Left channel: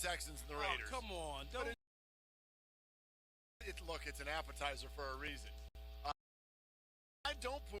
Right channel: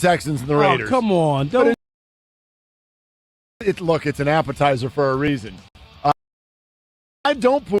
Texans and the Raiders. Oh, come on. Don't. Look, it's an appetizer for a reason. I don't put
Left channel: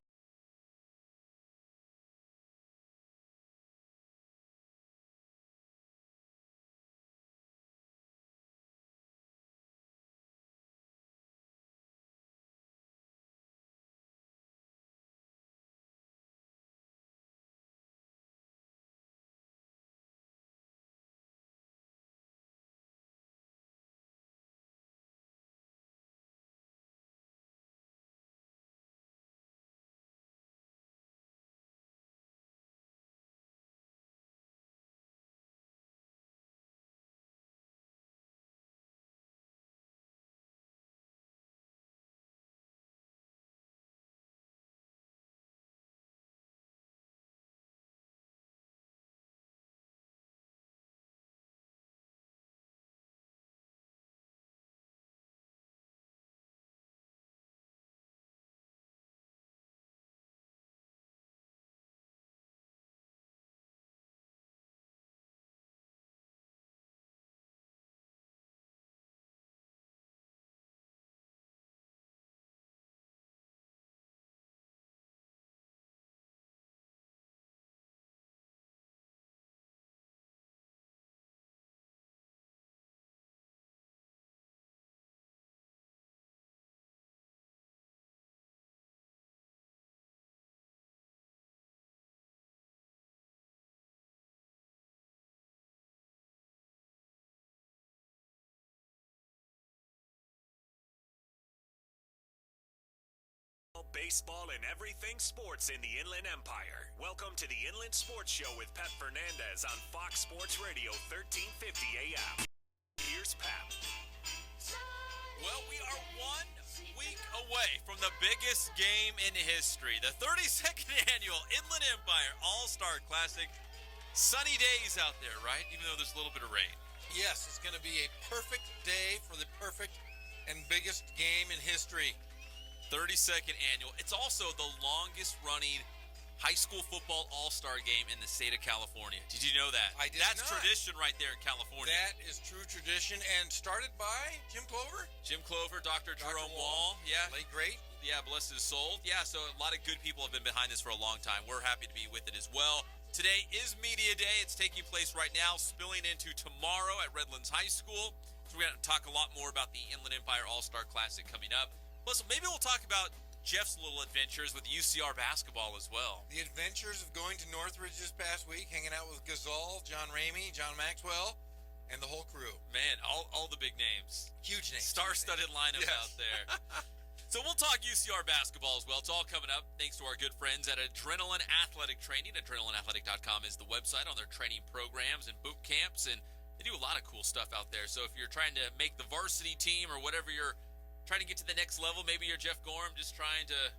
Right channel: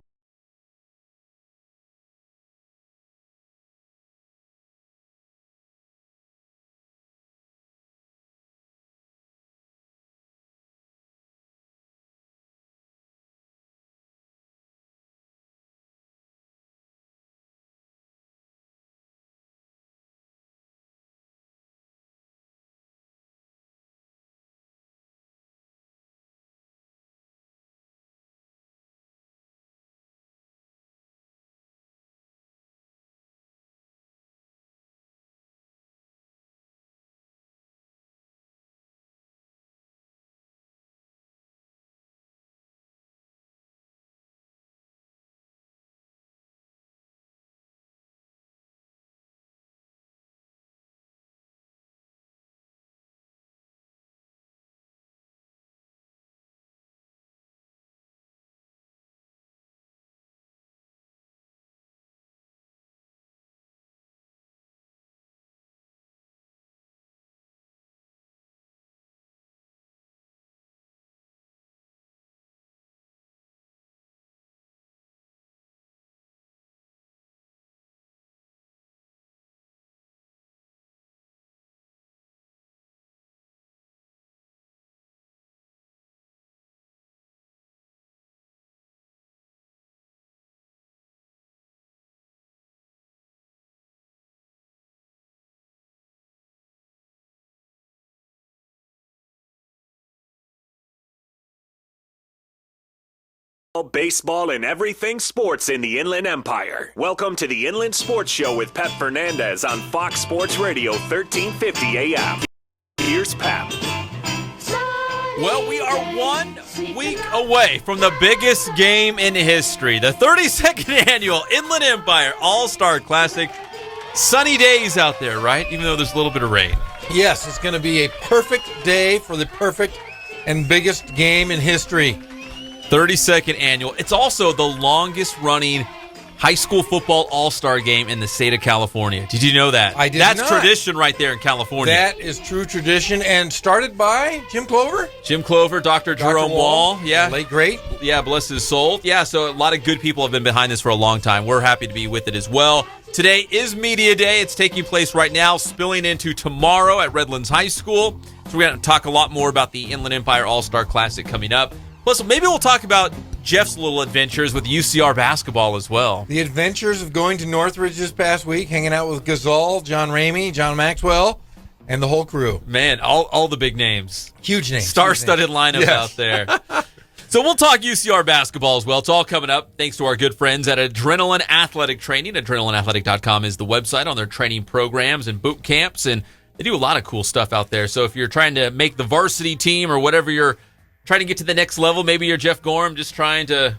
baseball and everything sports in the Inland Empire. Welcome to the Inland Sports Show with Pep Fernandez on Fox Sports Radio 1350 AM. Here's Pep. Well, we are 1 week away from the biggest game in history, the 32nd annual Inland Empire All-Star Classic. Sunny days out there, right? Even though there's a little bit of rain. Yes, it's going to be a perfect day for the perfect and biggest game in history. 32nd annual. It's also the longest running high school football all-star game in the state of California. Did you know that? I did That's not. tradition right there in California. That is true tradition and started by Jim Clover. Jim Clover, Dr. Jerome Wall. Yeah. Late great. Yeah, bless his soul. Yeah, so a lot of good people have been behind this for a long time. We're happy to be with it as well. Today is Media Day. It's taking place right now, spilling into tomorrow at Redlands High School. So we're going to talk a lot more about the Inland Empire All-Star Classic coming up. Plus, maybe we'll talk about Jeff's little adventures with UCR basketball as well. The adventures of going to Northridge this past week, hanging out with Gazal, John Ramey, John Maxwell, and the whole crew. Man, all the big names. Huge names. Star-studded lineup out there. So we'll talk UCR basketball as well. It's all coming up thanks to our good friends at Adrenaline Athletic Training. AdrenalineAthletic.com is the website on their training programs and boot camps, and they do a lot of cool stuff out there. So if you're trying to make the varsity team or whatever you're trying to get to the next level, maybe you're Jeff Gorham just trying to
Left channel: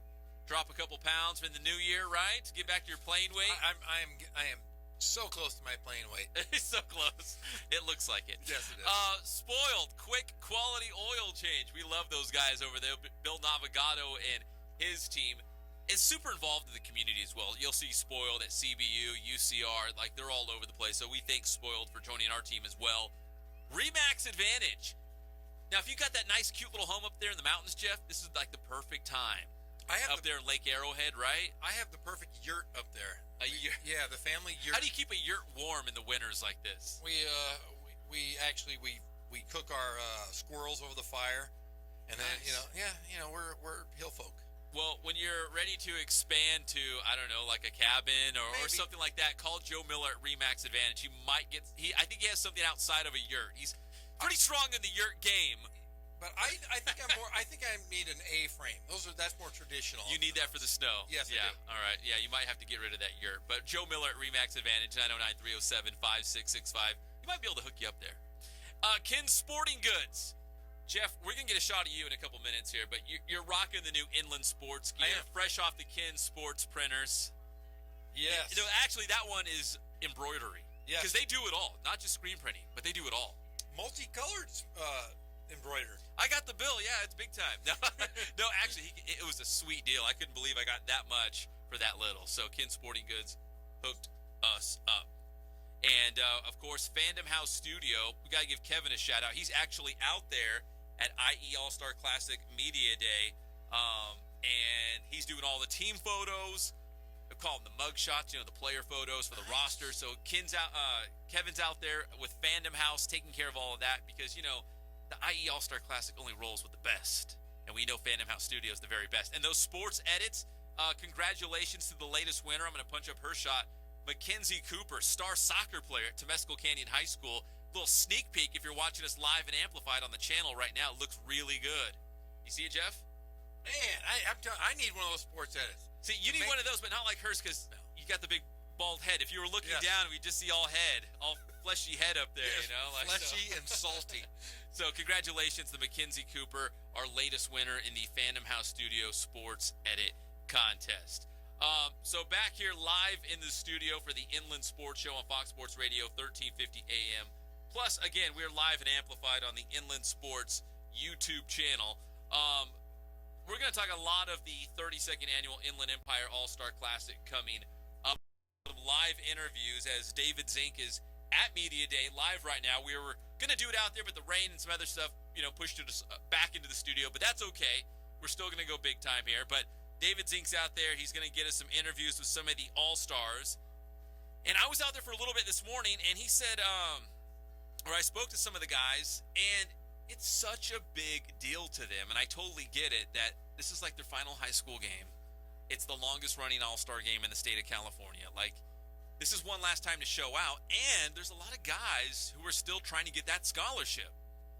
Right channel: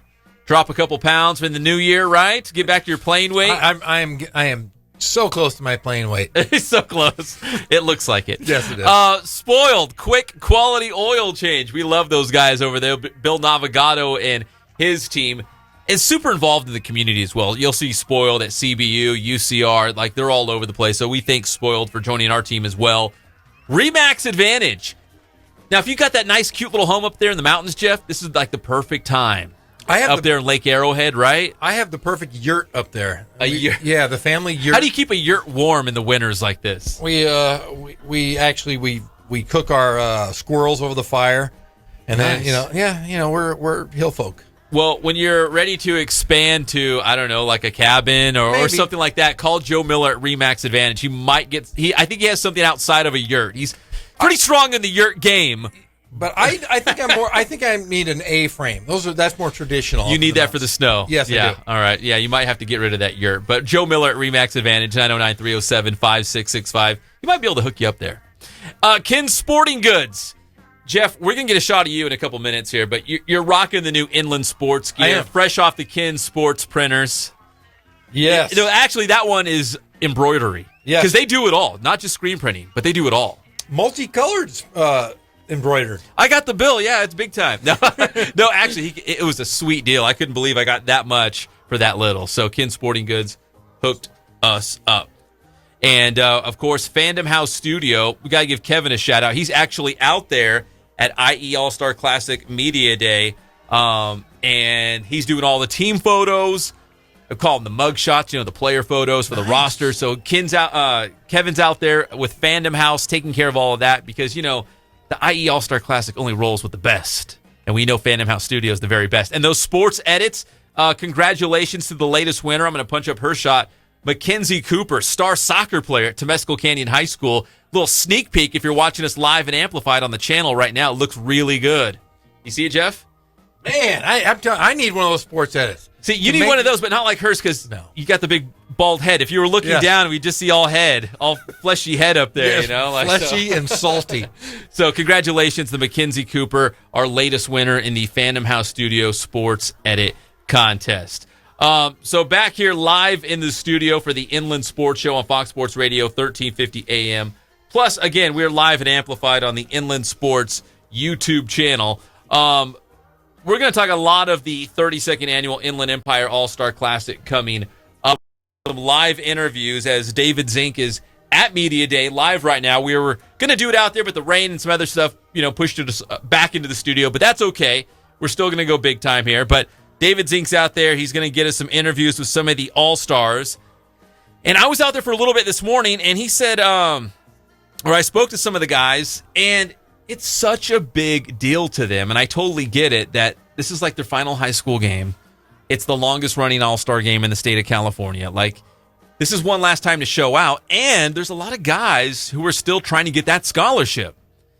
drop a couple pounds in the new year, right? Get back to your playing weight. I am so close to my playing weight. It's so close. It looks like it. Yes, it is. Spoiled, quick, quality oil change. We love those guys over there. Bill Navigado and his team is super involved in the community as well. You'll see Spoiled at CBU, UCR. Like, they're all over the place. So we thank Spoiled for joining our team as well. Remax Advantage. Now, if you got that nice, cute little home up there in the mountains, Jeff, this is like the perfect time. There in Lake Arrowhead, right? I have the perfect yurt up there. Yurt? Yeah, the family yurt. How do you keep a yurt warm in the winters like this? We cook our squirrels over the fire, and Nice. then we're hill folk. Well, when you're ready to expand to, I don't know, like a cabin or something like that, call Joe Miller at Remax Advantage. He might get. I think he has something outside of a yurt. He's pretty strong in the yurt game. But I think I'm more. I think I need an A-frame. That's more traditional. You need that for the snow. Yes, yeah. I do. All right. Yeah, you might have to get rid of that yurt. But Joe Miller at Remax Advantage, 909-307-5665. He might be able to hook you up there. Ken's Sporting Goods. Jeff, we're going to get a shot of you in a couple minutes here, but you're rocking the new Inland Sports gear, I am. fresh off the Ken Sports printers. Yes. Actually, that one is embroidery. Yes. Because they do it all, not just screen printing, but they do it all. Multicolored embroidered. I got the bill. Yeah, it's big time. No, actually, it was a sweet deal. I couldn't believe I got that much for that little. So Ken Sporting Goods hooked us up. And, of course, Fandom House Studio, we got to give Kevin a shout-out. He's actually out there at IE All-Star Classic Media Day, and he's doing all the team photos. I call them the mug shots, the player photos for the roster. So Kevin's out there with Fandom House taking care of all of that because, the IE All-Star Classic only rolls with the best. And we know Fandom House Studio is the very best. And those sports edits, congratulations to the latest winner. I'm going to punch up her shot. Mackenzie Cooper, star soccer player at Temescal Canyon High School. Little sneak peek if you're watching us live and amplified on the channel right now. It looks really good. You see it, Jeff? Man, I need one of those sports edits. See, you need one of those, but not like hers because you got the big bald head. If you were looking down, we'd just see all fleshy head up there, fleshy and salty. So congratulations to Mackenzie Cooper, our latest winner in the Fandom House Studio Sports Edit Contest. So back here live in the studio for the Inland Sports Show on Fox Sports Radio, 1350 AM. Plus, again, we're live and amplified on the Inland Sports YouTube channel. We're going to talk a lot of the 32nd Annual Inland Empire All-Star Classic coming up. Some live interviews as David Zink is at Media Day live right now. We were going to do it out there, but the rain and some other stuff, pushed us back into the studio. But that's okay. We're still going to go big time here. But David Zink's out there. He's going to get us some interviews with some of the All-Stars. And I was out there for a little bit this morning, and he said, I spoke to some of the guys, and it's such a big deal to them, and I totally get it, that this is like their final high school game. It's the longest-running All-Star game in the state of California. Like, this is one last time to show out, and there's a lot of guys who are still trying to get that scholarship.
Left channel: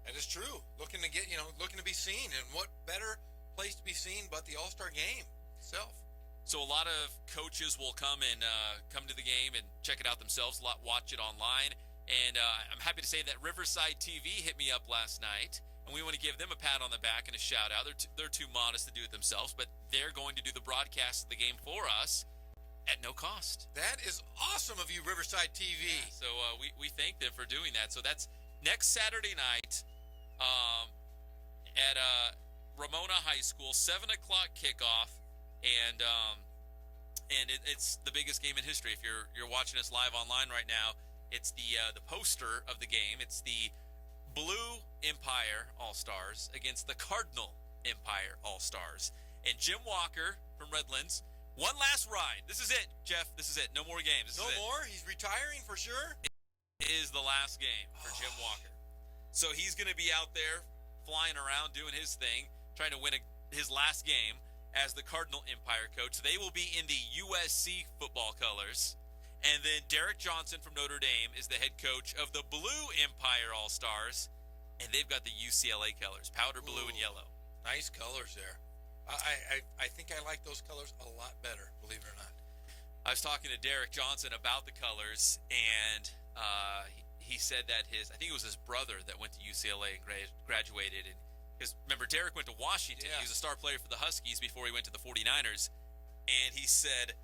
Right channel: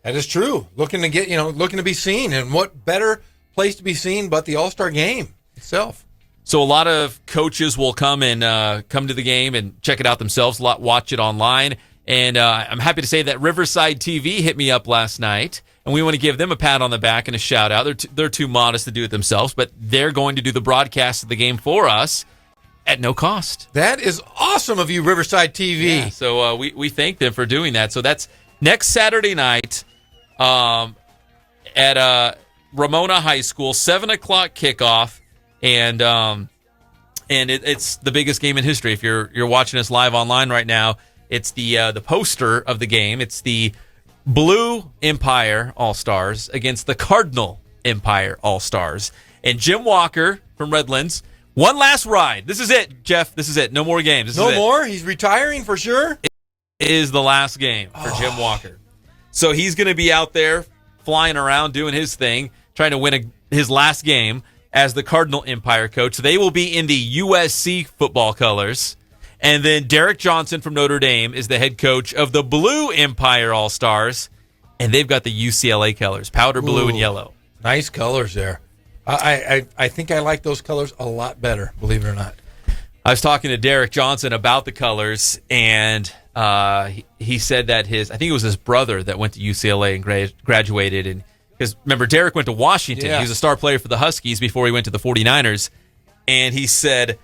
That is true. Looking to be seen, and what better place to be seen but the All-Star game itself. So a lot of coaches will come to the game and check it out themselves, watch it online. And I'm happy to say that Riverside TV hit me up last night, and we want to give them a pat on the back and a shout-out. They're too modest to do it themselves, but they're going to do the broadcast of the game for us at no cost. That is awesome of you, Riverside TV. Yeah, so we thank them for doing that. So that's next Saturday night at Ramona High School, 7 o'clock kickoff, and it's the biggest game in history. If you're watching us live online right now, it's the poster of the game. It's the Blue Empire All-Stars against the Cardinal Empire All-Stars. And Jim Walker from Redlands, one last ride. This is it, Jeff. This is it. No more games. No more? He's retiring for sure? It is the last game for Jim Walker. So he's going to be out there flying around doing his thing, trying to win his last game as the Cardinal Empire coach. They will be in the USC football colors. And then Derrick Johnson from Notre Dame is the head coach of the Blue Empire All-Stars. And they've got the UCLA colors, powder blue and yellow. Nice colors there. I think I like those colors a lot better, believe it or not. I was talking to Derrick Johnson about the colors, and he said that I think it was his brother that went to UCLA and graduated. And because remember, Derrick went to Washington. Yeah. He was a star player for the Huskies before he went to the 49ers. And he said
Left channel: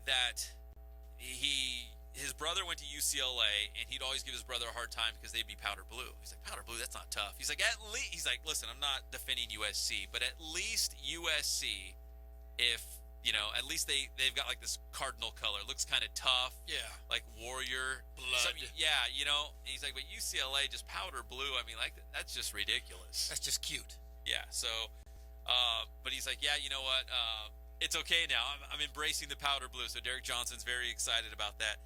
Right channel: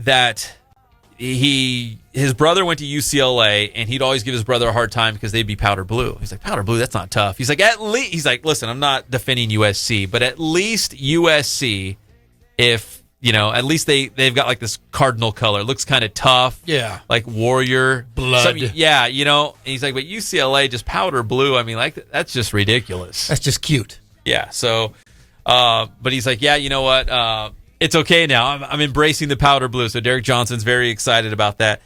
that his brother went to UCLA, and he'd always give his brother a hard time because they'd be powder blue. He's like, powder blue, that's not tough. He's like, listen, I'm not defending USC, but at least USC, if at least they've got like this cardinal color. It looks kind of tough. Yeah. Like warrior. Blood. Yeah, and he's like, but UCLA, just powder blue. I mean, like, that's just ridiculous. That's just cute. Yeah, so, but he's like, yeah, you know what? It's okay now. I'm embracing the powder blue. So Derrick Johnson's very excited about that.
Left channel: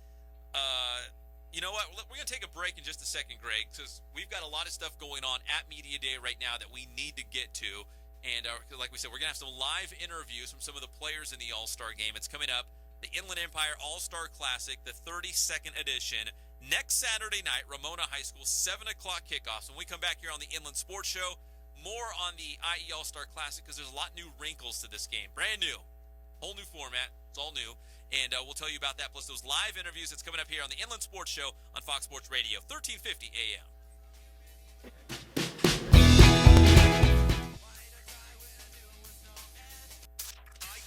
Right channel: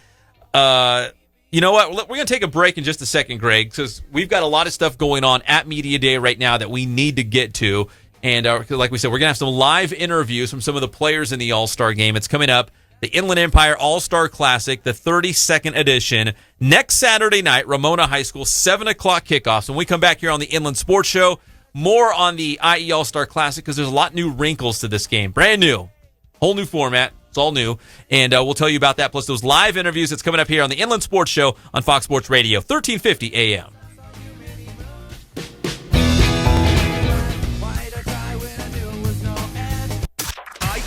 You know what? We're going to take a break in just a second, Greg, because we've got a lot of stuff going on at Media Day right now that we need to get to. And like we said, we're going to have some live interviews from some of the players in the All-Star game. It's coming up, the Inland Empire All-Star Classic, the 32nd edition, next Saturday night, Ramona High School, 7 o'clock kickoffs. When we come back here on the Inland Sports Show, more on the IE All-Star Classic because there's a lot new wrinkles to this game. Brand new. Whole new format. It's all new. And we'll tell you about that, plus those live interviews that's coming up here on the Inland Sports Show on Fox Sports Radio, 1350 AM.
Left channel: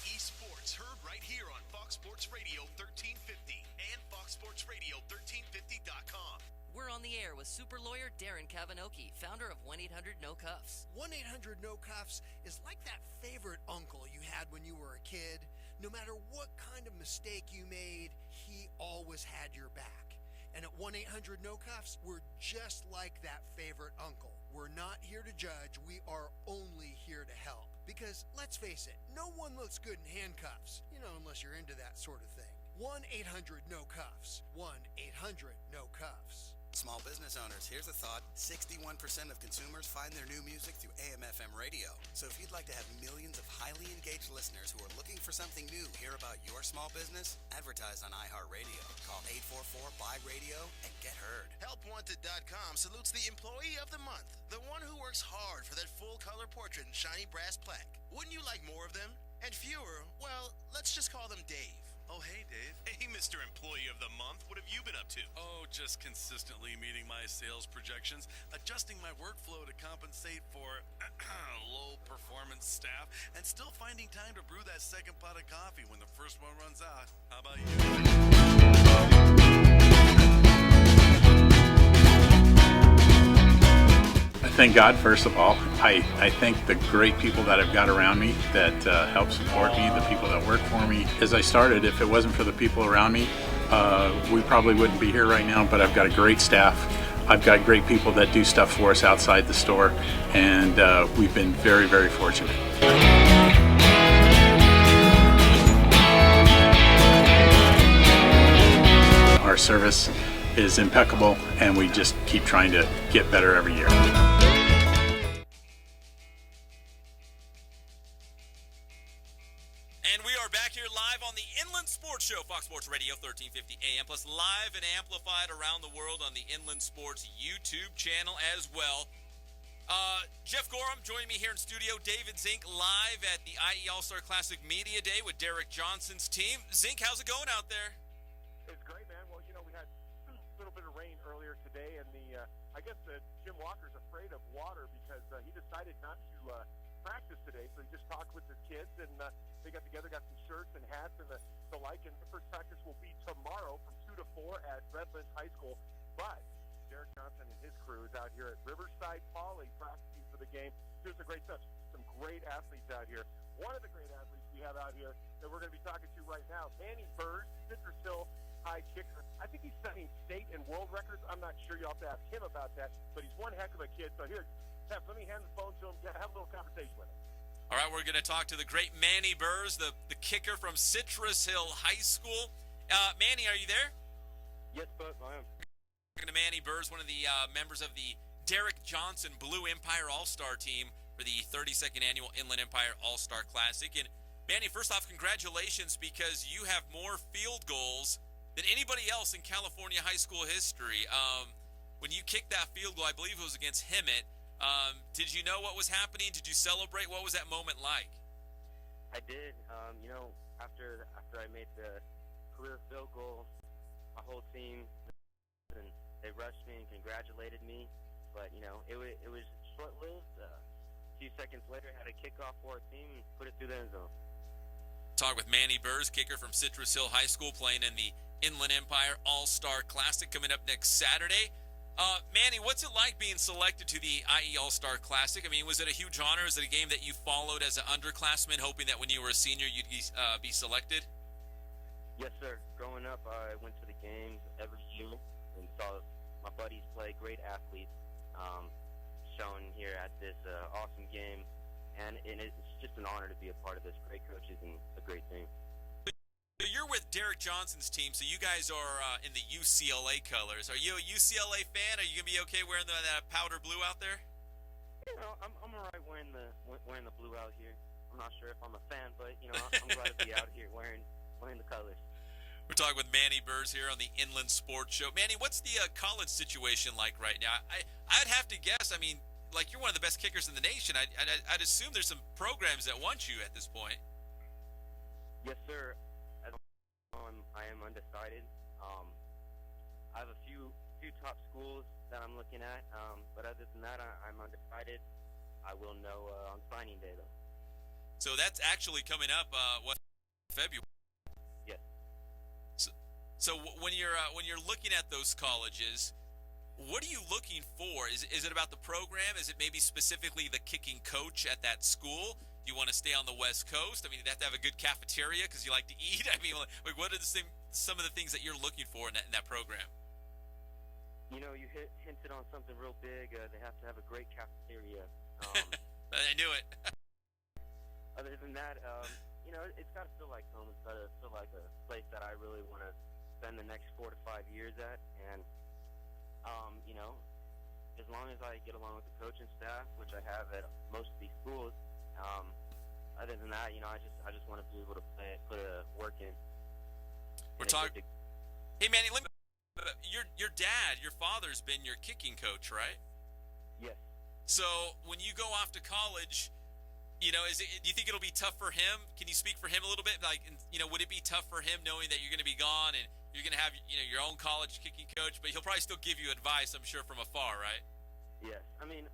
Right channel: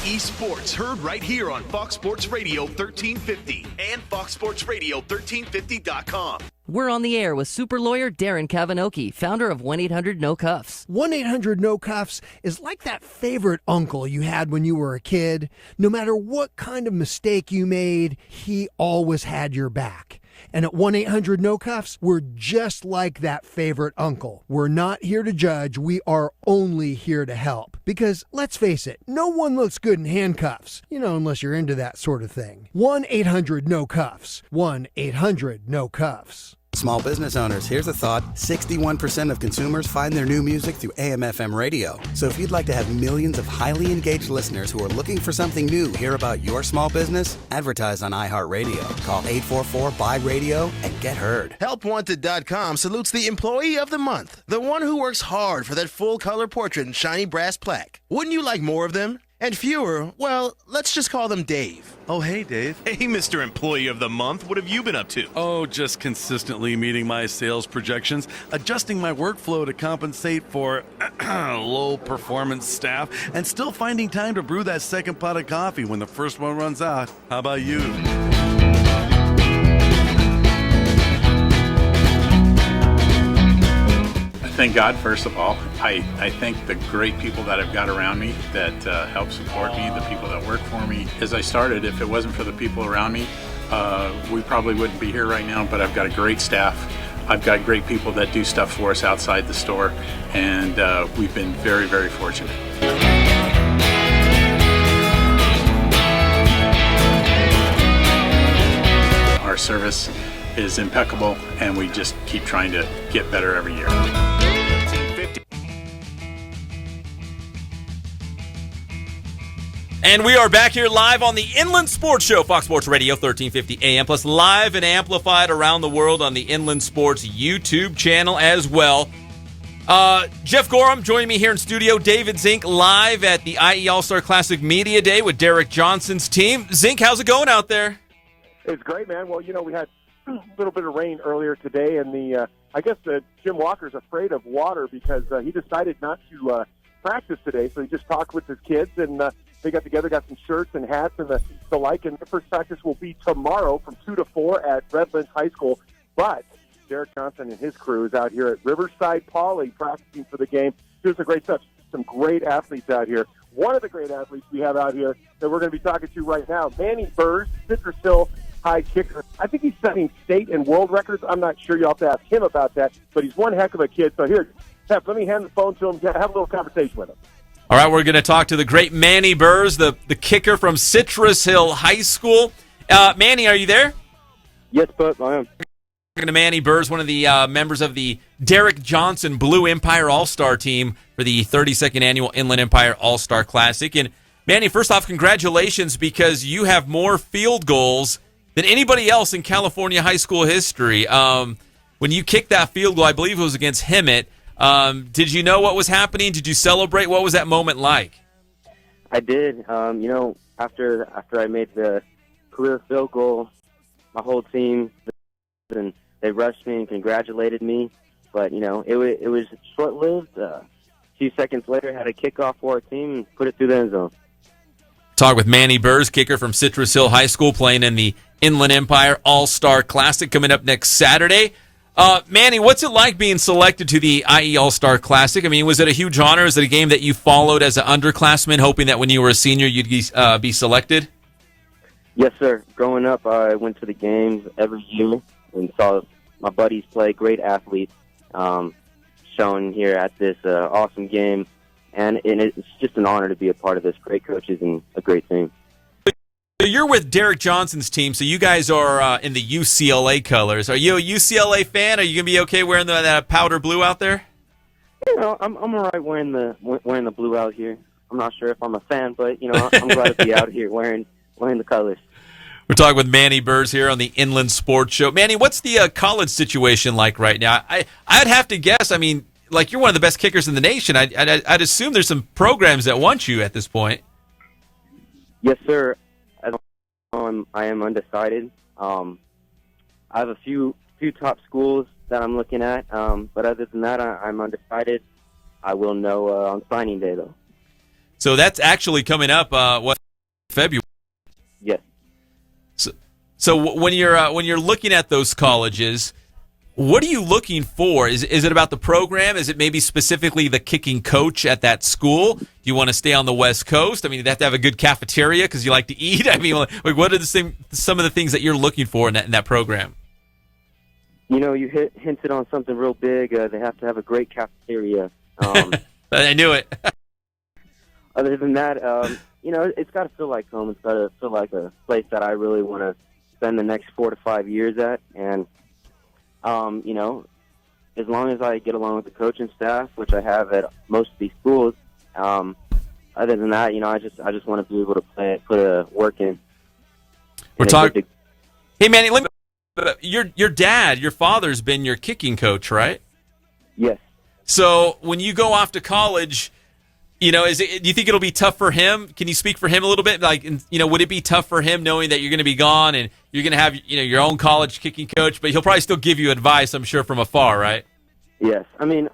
IE sports heard right here on Fox Sports Radio 1350 and foxsportsradio1350.com. We're on the air with super lawyer Darren Kavanoki, founder of 1-800-NO-CUFFS. 1-800-NO-CUFFS is like that favorite uncle you had when you were a kid. No matter what kind of mistake you made, he always had your back. And at 1-800-NO-CUFFS, we're just like that favorite uncle. We're not here to judge. We are only here to help. Because, let's face it, no one looks good in handcuffs. Unless you're into that sort of thing. 1-800-NO-CUFFS. 1-800-NO-CUFFS. Small business owners, here's a thought. 61% of consumers find their new music through AM/FM radio. So if you'd like to have millions of highly engaged listeners who are looking for something new hear about your small business, advertise on iHeartRadio. Call 844-BUY-RADIO and get heard. HelpWanted.com salutes the Employee of the Month, the one who works hard for that full-color portrait and shiny brass plaque. Wouldn't you like more of them? And fewer, well, let's just call them Dave. Oh, hey, Dave. Hey, Mr. Employee of the Month. What have you been up to? Oh, just consistently meeting my sales projections, adjusting my workflow to compensate for low performance staff, and still finding time to brew that second pot of coffee when the first one runs out. How about you? Thank God, first of all. I thank the great people that I've got around me that help support me, the people that work for me. As I started, if it wasn't for the people around me, we probably wouldn't be here right now, but I've got a great staff. I've got great people that do stuff for us outside the store, and we've been very, very fortunate. Our service is impeccable, and we just keep trying to get better every year. And we are back here live on the Inland Sports Show, Fox Sports Radio 1350 AM, plus live and amplified around the world on the Inland Sports YouTube channel as well. Jeff Gorham joining me here in studio. David Zink live at the IE All-Star Classic Media Day with Derrick Johnson's team. Zink, how's it going out there? It's great, man. Well, we had a little bit of rain earlier today, and I guess Jim Walker's afraid of water because he decided not to practice today, so he just talked with his kids, and they got together, got some shirts and hats and the like, and the first practice will be tomorrow from 2 to 4 at Redlands High School. But Derrick Johnson and his crew is out here at Riverside Poly practicing for the game. Doing some great stuff. Some great athletes out here. One of the great athletes we have out here that we're going to be talking to right now, Manny Burrs, Citrus Hill High kicker. I think he's setting state and world records. I'm not sure. You'll have to ask him about that, but he's one heck of a kid. So here, Pep, let me hand the phone to him, have a little conversation with him. All right, we're going to talk to the great Manny Burrs, the kicker from Citrus Hill High School. Manny, are you there? Yes, Pep, I am. Talking to Manny Burrs, one of the members of the Derrick Johnson Blue Empire All-Star team for the 32nd Annual Inland Empire All-Star Classic. And, Manny, first off, congratulations because you have more field goals than anybody else in California high school history. When you kicked that field goal, I believe it was against Hemet. Did you know what was happening? Did you celebrate? What was that moment like? I did. After I made the career field goal, my whole team, and they rushed me and congratulated me. But, it was short-lived. A few seconds later, had a kickoff for our team and put it through the end zone. Talk with Manny Burrs, kicker from Citrus Hill High School, playing in the Inland Empire All-Star Classic coming up next Saturday. Manny, what's it like being selected to the IE All-Star Classic? I mean, was it a huge honor? Is it a game that you followed as an underclassman, hoping that when you were a senior you'd be selected? Yes, sir. Growing up, I went to the games every year and saw my buddies play, great athletes, shown here at this awesome game. And it's just an honor to be a part of this. Great coaches and a great team. So you're with Derrick Johnson's team, so you guys are in the UCLA colors. Are you a UCLA fan? Are you going to be okay wearing that powder blue out there? I'm all right wearing the blue out here. I'm not sure if I'm a fan, but, I'm glad to be out here wearing the colors. We're talking with Manny Burrs here on the Inland Sports Show. Manny, what's the college situation like right now? I'd have to guess, like you're one of the best kickers in the nation. I'd assume there's some programs that want you at this point. Yes, sir. I am undecided. I have a few top schools that I'm looking at, but other than that, I'm undecided. I will know on signing day, though. So that's actually coming up. February. Yes. So when you're looking at those colleges, what are you looking for? Is it about the program? Is it maybe specifically the kicking coach at that school? Do you want to stay on the West Coast? I mean, you have to have a good cafeteria because you like to eat. I mean, like what are some of the things that you're looking for in that program? You know, you hinted on something real big. They have to have a great cafeteria. I knew it. Other than that, you know, it's got to feel like home. It's got to feel like a place that I really want to spend the next 4 to 5 years at. And, you know, as long as I get along with the coaching staff, which I have at most of these schools, other than that, you know, I just want to be able to put a work in. We're talking. Hey, Manny, your father's been your kicking coach, right? Yes. So when you go off to college, you know, do you think it'll be tough for him? Can you speak for him a little bit? Like, you know, would it be tough for him knowing that you're going to be gone and you're going to have, you know, your own college kicking coach, but he'll probably still give you advice, I'm sure, from afar, right? Yes. I mean,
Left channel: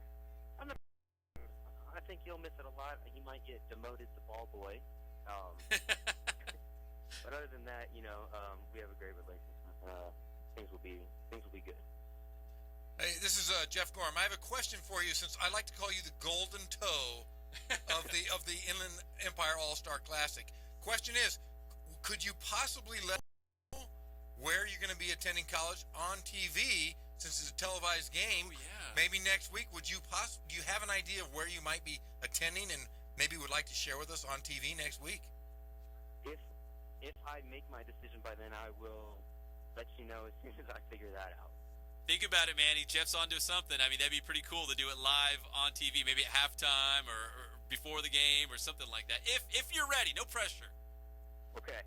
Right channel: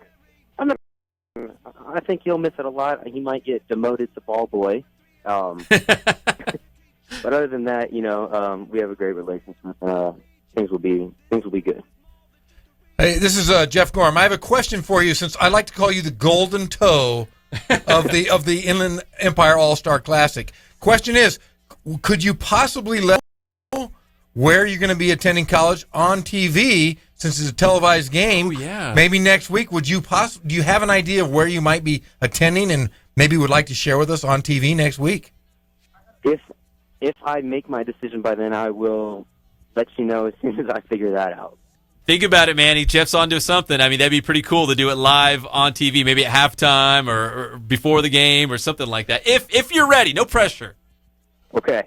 I think he'll miss it a lot. He might get demoted to ball boy. But other than that, you know, we have a great relationship. Things will be good. Hey, this is Jeff Gorham. I have a question for you, since I like to call you the golden toe of the Inland Empire All-Star Classic. Question is, could you possibly let know where you're going to be attending college on TV, since it's a televised game? Oh, yeah. Maybe next week, do you have an idea of where you might be attending and maybe would like to share with us on TV next week? If I make my decision by then, I will let you know as soon as I figure that out. Think about it, Manny. Jeff's onto something. I mean, that'd be pretty cool to do it live on TV, maybe at halftime or before the game or something like that. If you're ready, no pressure. Okay.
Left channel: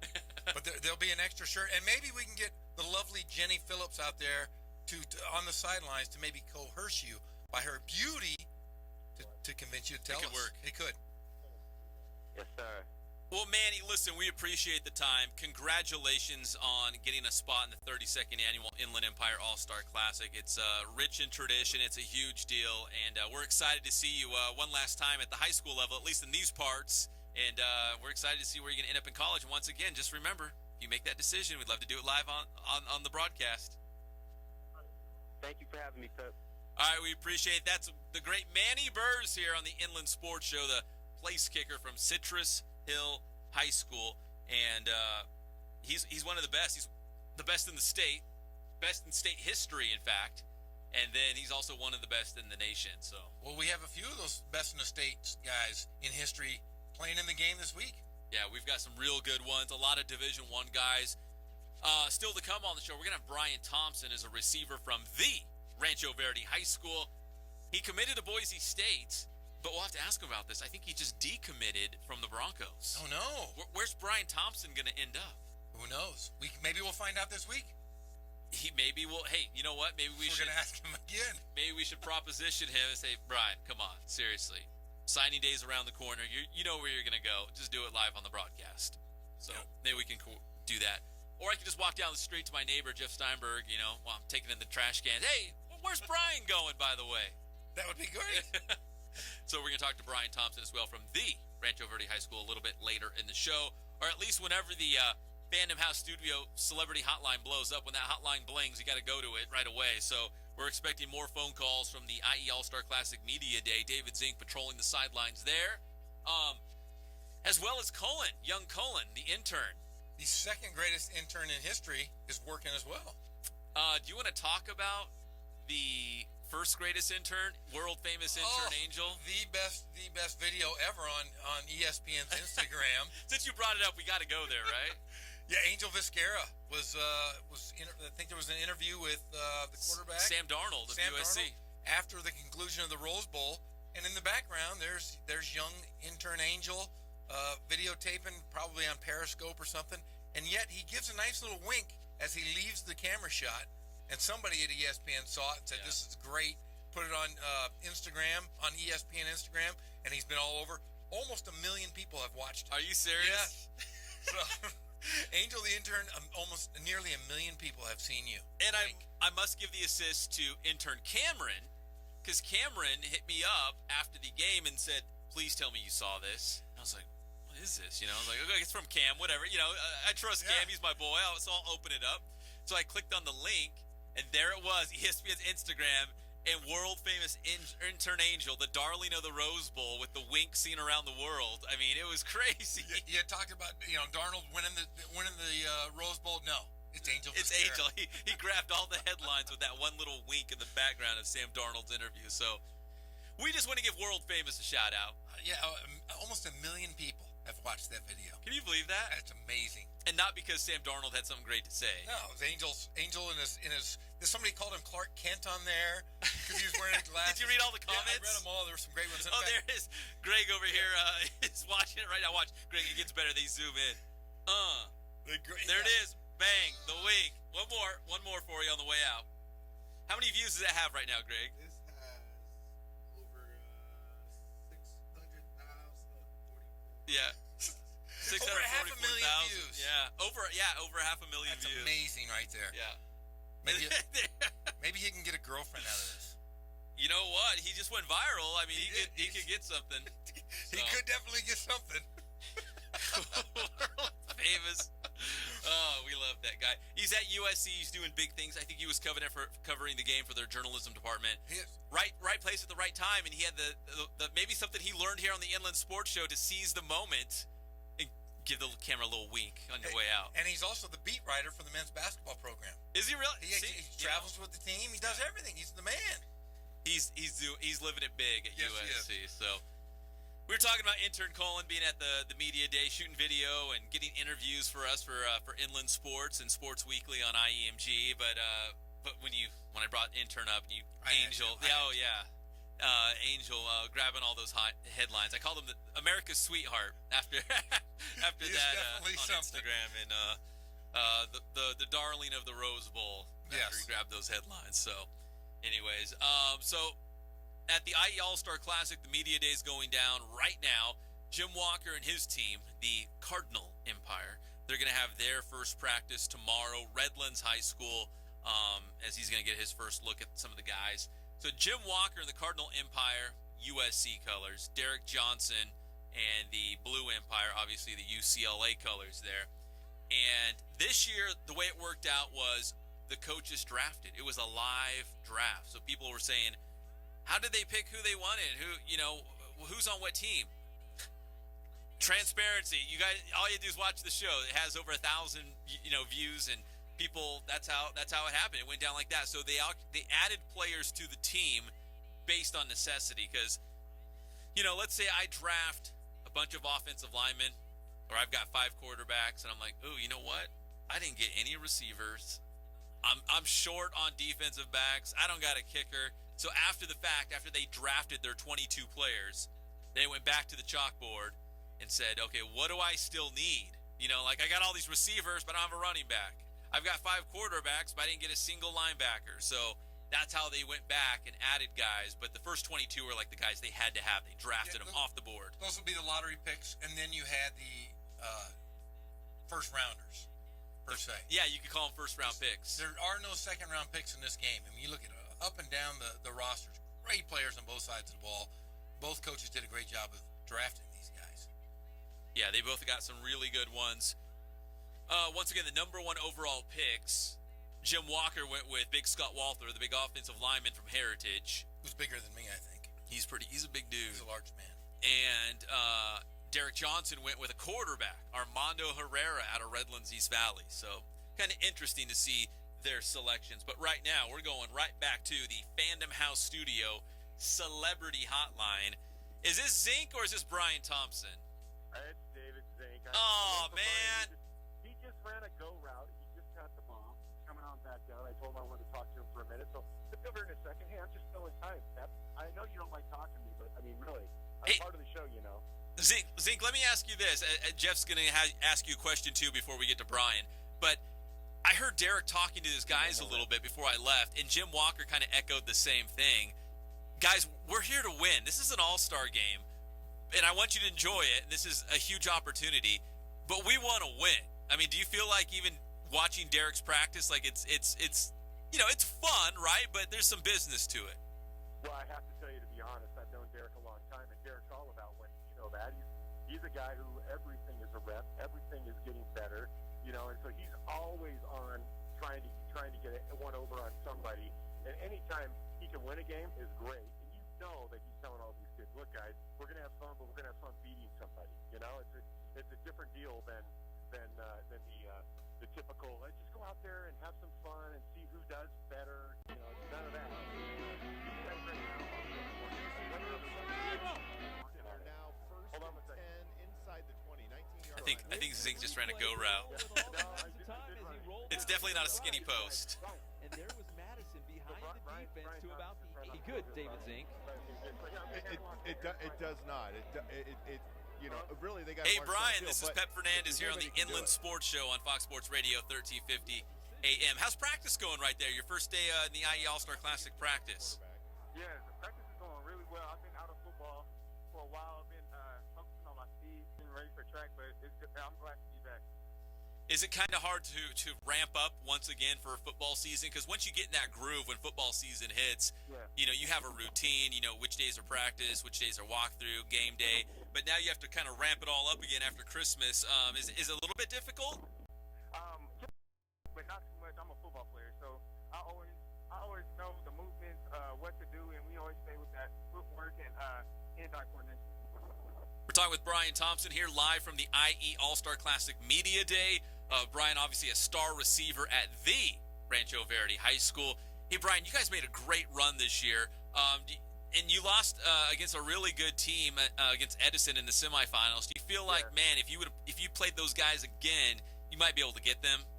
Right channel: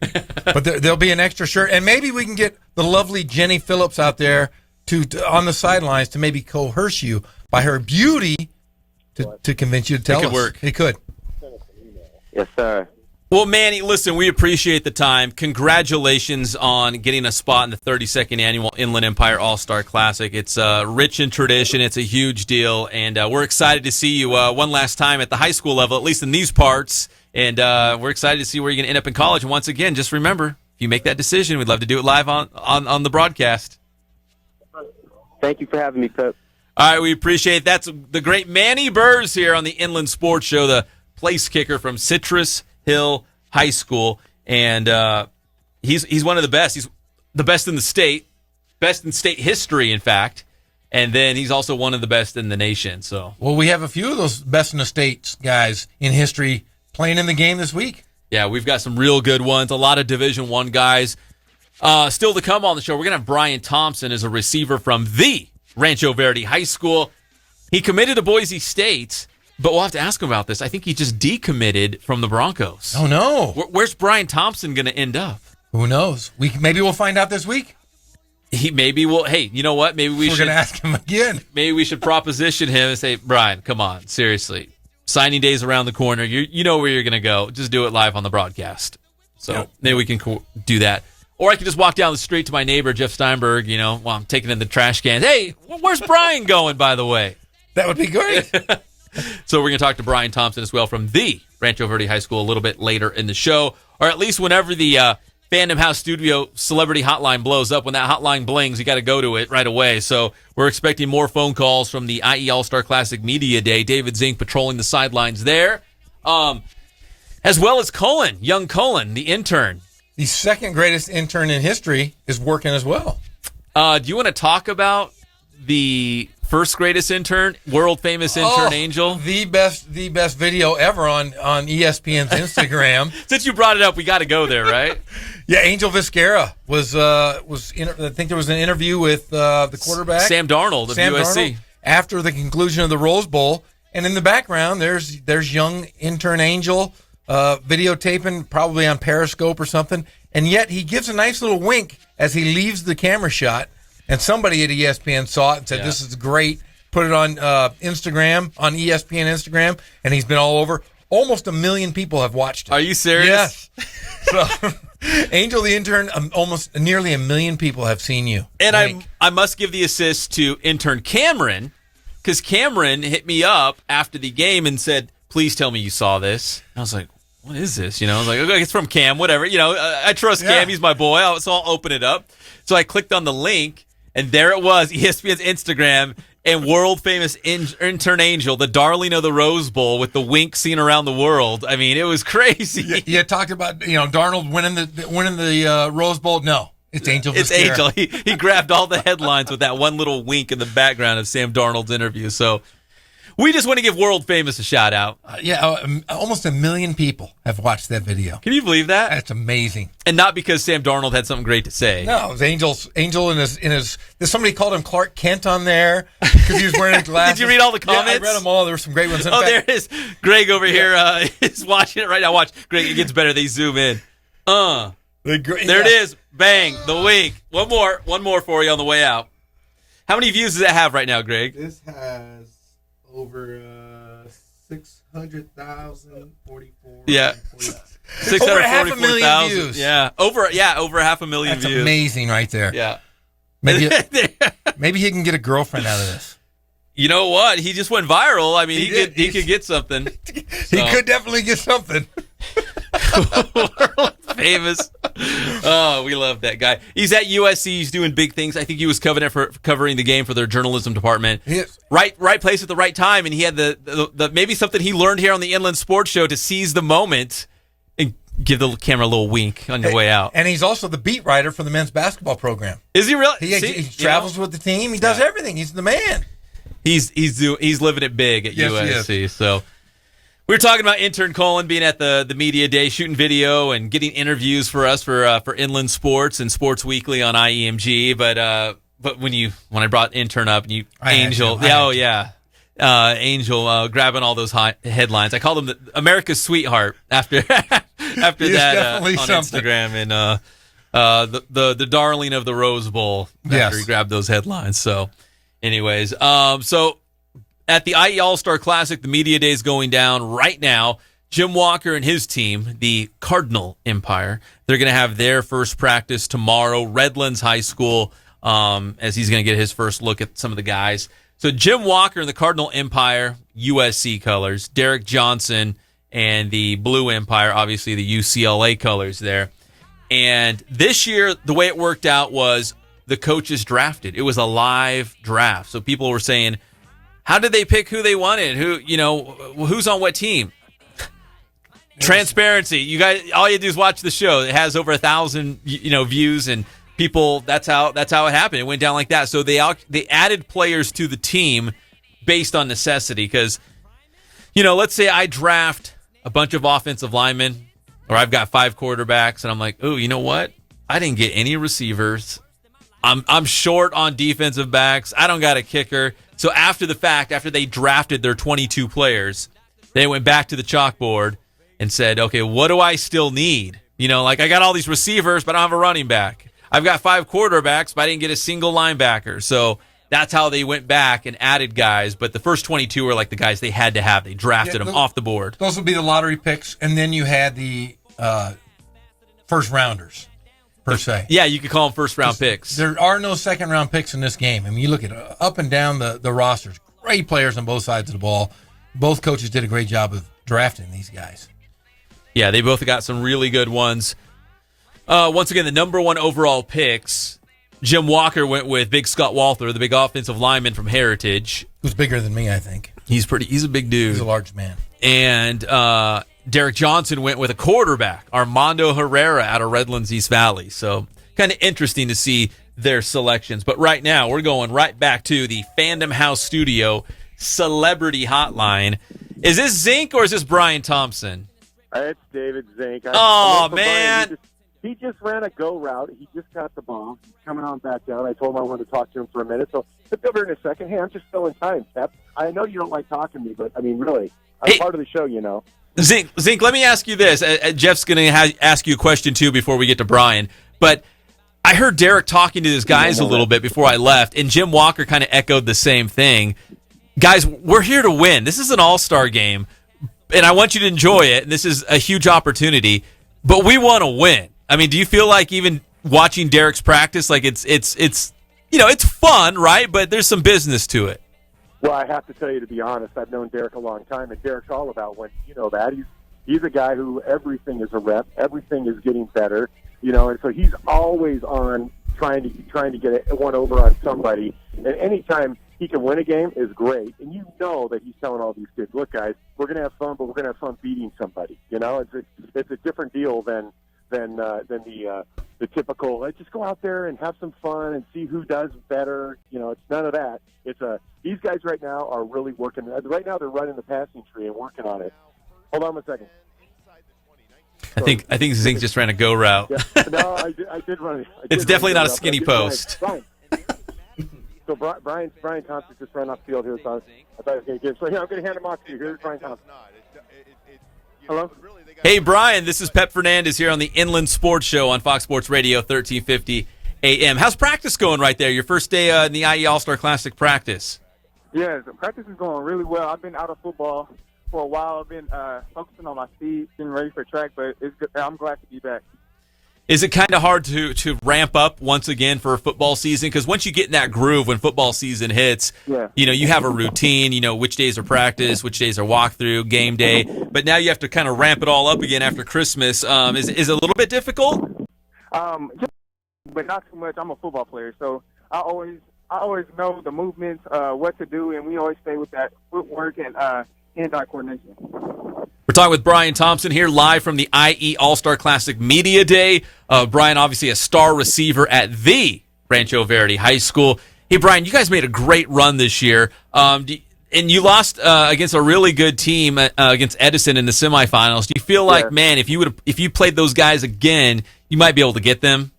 But there'll be an extra shirt, and maybe we can get the lovely Jenny Phillips out there to on the sidelines to maybe coerce you by her beauty to convince you to tell us. It could work. It could. Yes, sir. Well, Manny, listen, we appreciate the time. Congratulations on getting a spot in the 32nd Annual Inland Empire All-Star Classic. It's rich in tradition. It's a huge deal, and we're excited to see you one last time at the high school level, at least in these parts, and we're excited to see where you're going to end up in college. And once again, just remember, if you make that decision, we'd love to do it live on the broadcast. Thank you for having me, Pep. All right, we appreciate it. That's the great Manny Burrs here on the Inland Sports Show, the place kicker from Citrus Hill High School, and he's one of the best. He's the best in the state, best in state history, in fact, and then he's also one of the best in the nation. So, well, we have a few of those best in the states guys in history playing in the game this week. Yeah, we've got some real good ones. A lot of Division I guys still to come on the show. We're gonna have Brian Thompson as a receiver from the Rancho Verde High School. He committed to Boise State. But we'll have to ask him about this. I think he just decommitted from the Broncos. Oh, no. Where's Brian Thompson going to end up? Who knows? Maybe we'll find out this week. Hey, you know what? Maybe we're going to ask him again. Maybe we should proposition him and say, Brian, come on, seriously. Signing day's around the corner. You know where you're going to go. Just do it live on the broadcast. So maybe we can do that. Or I could just walk down the street to my neighbor, Jeff Steinberg, while I'm taking in the trash cans. Hey, where's Brian going, by the way? That would be great. So we're going to talk to Brian Thompson as well from the Rancho Verde High School a little bit later in the show, or at least whenever the Fandom House Studio Celebrity Hotline blows up. When that hotline blings, you got to go to it right away. So we're expecting more phone calls from the IE All-Star Classic Media Day. David Zink patrolling the sidelines there, as well as young Cullen, the intern. The second greatest intern in history is working as well. Do you want to talk about the first greatest intern, world famous intern Angel? The best video ever on ESPN's Instagram. Since you brought it up, we got to go there, right? Yeah, Angel Vizquera was I think there was an interview with the quarterback Sam Darnold of USC Darnold, after the conclusion of the Rose Bowl, and in the background there's young intern Angel videotaping, probably on Periscope or something, and yet he gives a nice little wink as he leaves the camera shot. And somebody at ESPN saw it and said, This is great. Put it on Instagram, on ESPN Instagram, and he's been all over. Almost 1 million people have watched it. Are you serious? Yes. So, Angel the intern, almost nearly 1 million people have seen you. And I must give the assist to intern Cameron, because Cameron hit me up after the game and said, please tell me you saw this. And I was like, what is this? I was like, okay, it's from Cam, whatever. I trust Cam. He's my boy. So I'll open it up. So I clicked on the link, and there it was, ESPN's Instagram, and world-famous intern Angel, the darling of the Rose Bowl with the wink seen around the world. I mean, it was crazy. You talked about, Darnold winning the Rose Bowl. No, it's Angel. It's Angel. He grabbed all the headlines with that one little wink in the background of Sam Darnold's interview. So we just want to give world famous a shout out. Almost 1 million people have watched that video. Can you believe that? That's amazing. And not because Sam Darnold had something great to say. No, it was Angel in his. Somebody called him Clark Kent on there because he was wearing glasses. Did you read all the comments? Yeah, I read them all. There were some great ones. There is Greg over here is watching it right now. Watch, Greg. It gets better. They zoom in. There it is. Bang. The wink. One more for you on the way out. How many views does that have right now, Greg? This has over 600,044. Yeah. 644,000 views. Yeah. Over 500,000 That's views. amazing right there. Yeah. Maybe he can get a girlfriend out of this. You know what? He just went viral. I mean, he could get something. He could definitely get something. World famous. Oh, we love that guy. He's at USC. He's doing big things. I think he was covering the game for their journalism department. Yes. Right place at the right time, and he had the maybe something he learned here on the Inland Sports Show to seize the moment and give the camera a little wink on your way out. And he's also the beat writer for the men's basketball program. Is he really? He travels with the team. He does everything. He's the man. He's living it big at USC. So we were talking about intern Colin being at the media day, shooting video and getting interviews for us for Inland Sports and Sports Weekly on IEMG. But when I brought intern up, and Angel grabbing all those headlines. I called him America's sweetheart after that on Instagram, and the darling of the Rose Bowl after he grabbed those headlines. So, anyways, so at the IE All-Star Classic, the media day is going down right now. Jim Walker and his team, the Cardinal Empire, they're going to have their first practice tomorrow. Redlands High School, as he's going to get his first look at some of the guys. So Jim Walker and the Cardinal Empire, USC colors. Derrick Johnson and the Blue Empire, obviously the UCLA colors there. And this year, the way it worked out was the coaches drafted. It was a live draft. So people were saying, how did they pick who they wanted? Who's on what team? Transparency. You guys, all you do is watch the show. It has over 1,000, views, and people. That's how it happened. It went down like that. So they added players to the team based on necessity. Because, let's say I draft a bunch of offensive linemen, or I've got 5 quarterbacks, and I'm like, oh, you know what? I didn't get any receivers. I'm short on defensive backs. I don't got a kicker. So after the fact, after they drafted their 22 players, they went back to the chalkboard and said, okay, what do I still need? I got all these receivers, but I don't have a running back. I've got 5 quarterbacks, but I didn't get a single linebacker. So that's how they went back and added guys. But the first 22 were like the guys they had to have. They drafted them off the board. Those would be the lottery picks. And then you had the first rounders, per se. Yeah, you could call them first-round picks. There are no second-round picks in this game. I mean, you look at up and down the rosters. Great players on both sides of the ball. Both coaches did a great job of drafting these guys. Yeah, they both got some really good ones. Once again, the number 1 overall picks, Jim Walker went with Big Scott Walther, the big offensive lineman from Heritage. Who's bigger than me, I think. He's a big dude. He's a large man. And Derrick Johnson went with a quarterback, Armando Herrera out of Redlands East Valley. So kind of interesting to see their selections. But right now, we're going right back to the Fandom House Studio Celebrity Hotline. Is this Zink or is this Brian Thompson? It's David Zink. Oh, man. He just ran a go route. He just got the ball. He's coming on back down. I told him I wanted to talk to him for a minute. So he'll be over in a second. Hey, I'm just filling time, Pep. I know you don't like talking to me, but, I mean, really, I'm part of the show, Zink, let me ask you this. Jeff's going to ask you a question, too, before we get to Brian. But I heard Derrick talking to his guys a little bit before I left, and Jim Walker kind of echoed the same thing. Guys, we're here to win. This is an all-star game, and I want you to enjoy it, and this is a huge opportunity, but we want to win. I mean, do you feel like even watching Derrick's practice, like it's it's fun, right? But there's some business to it. Well, I have to tell you, to be honest, I've known Derrick a long time, and Derrick's all about winning. You know that. He's a guy who everything is a rep, everything is getting better, you know, and so he's always on trying to get one over on somebody. And anytime he can win a game is great. And you know that he's telling all these kids, look, guys, we're going to have fun, but we're going to have fun beating somebody. You know, it's a different deal than the typical, let's just go out there and have some fun and see who does better. You know, it's none of that. These guys right now are really working. Right now they're running the passing tree and working on it. Hold on a second. I think Zink just ran a go route. Yeah. No, I did run it. It's definitely not a skinny post. So Brian Thompson just ran off the field here. So I thought I was going to give. So here, I'm going to hand him off to you. Here's Brian Thompson. Hello? Hey, Brian, this is Pep Fernandez here on the Inland Sports Show on Fox Sports Radio, 1350 AM. How's practice going right there? Your first day in the IE All-Star Classic practice. Yeah, the practice is going really well. I've been out of football for a while. I've been focusing on my speed, getting ready for track, but it's good. I'm glad to be back. Is it kind of hard to ramp up once again for football season? Because once you get in that groove when football season hits, you know, you have a routine, you know, which days are practice, which days are walkthrough, game day. But now you have to kind of ramp it all up again after Christmas. Is it a little bit difficult? But not too much. I'm a football player, so I always know the movements, what to do, and we always stay with that footwork and hand-eye coordination. We're talking with Brian Thompson here live from the IE All-Star Classic Media Day. Brian, obviously a star receiver at the Rancho Verde High School. Hey, Brian, you guys made a great run this year, and you lost against a really good team against Edison in the semifinals. Do you feel like, man, if you played those guys again, you might be able to get them?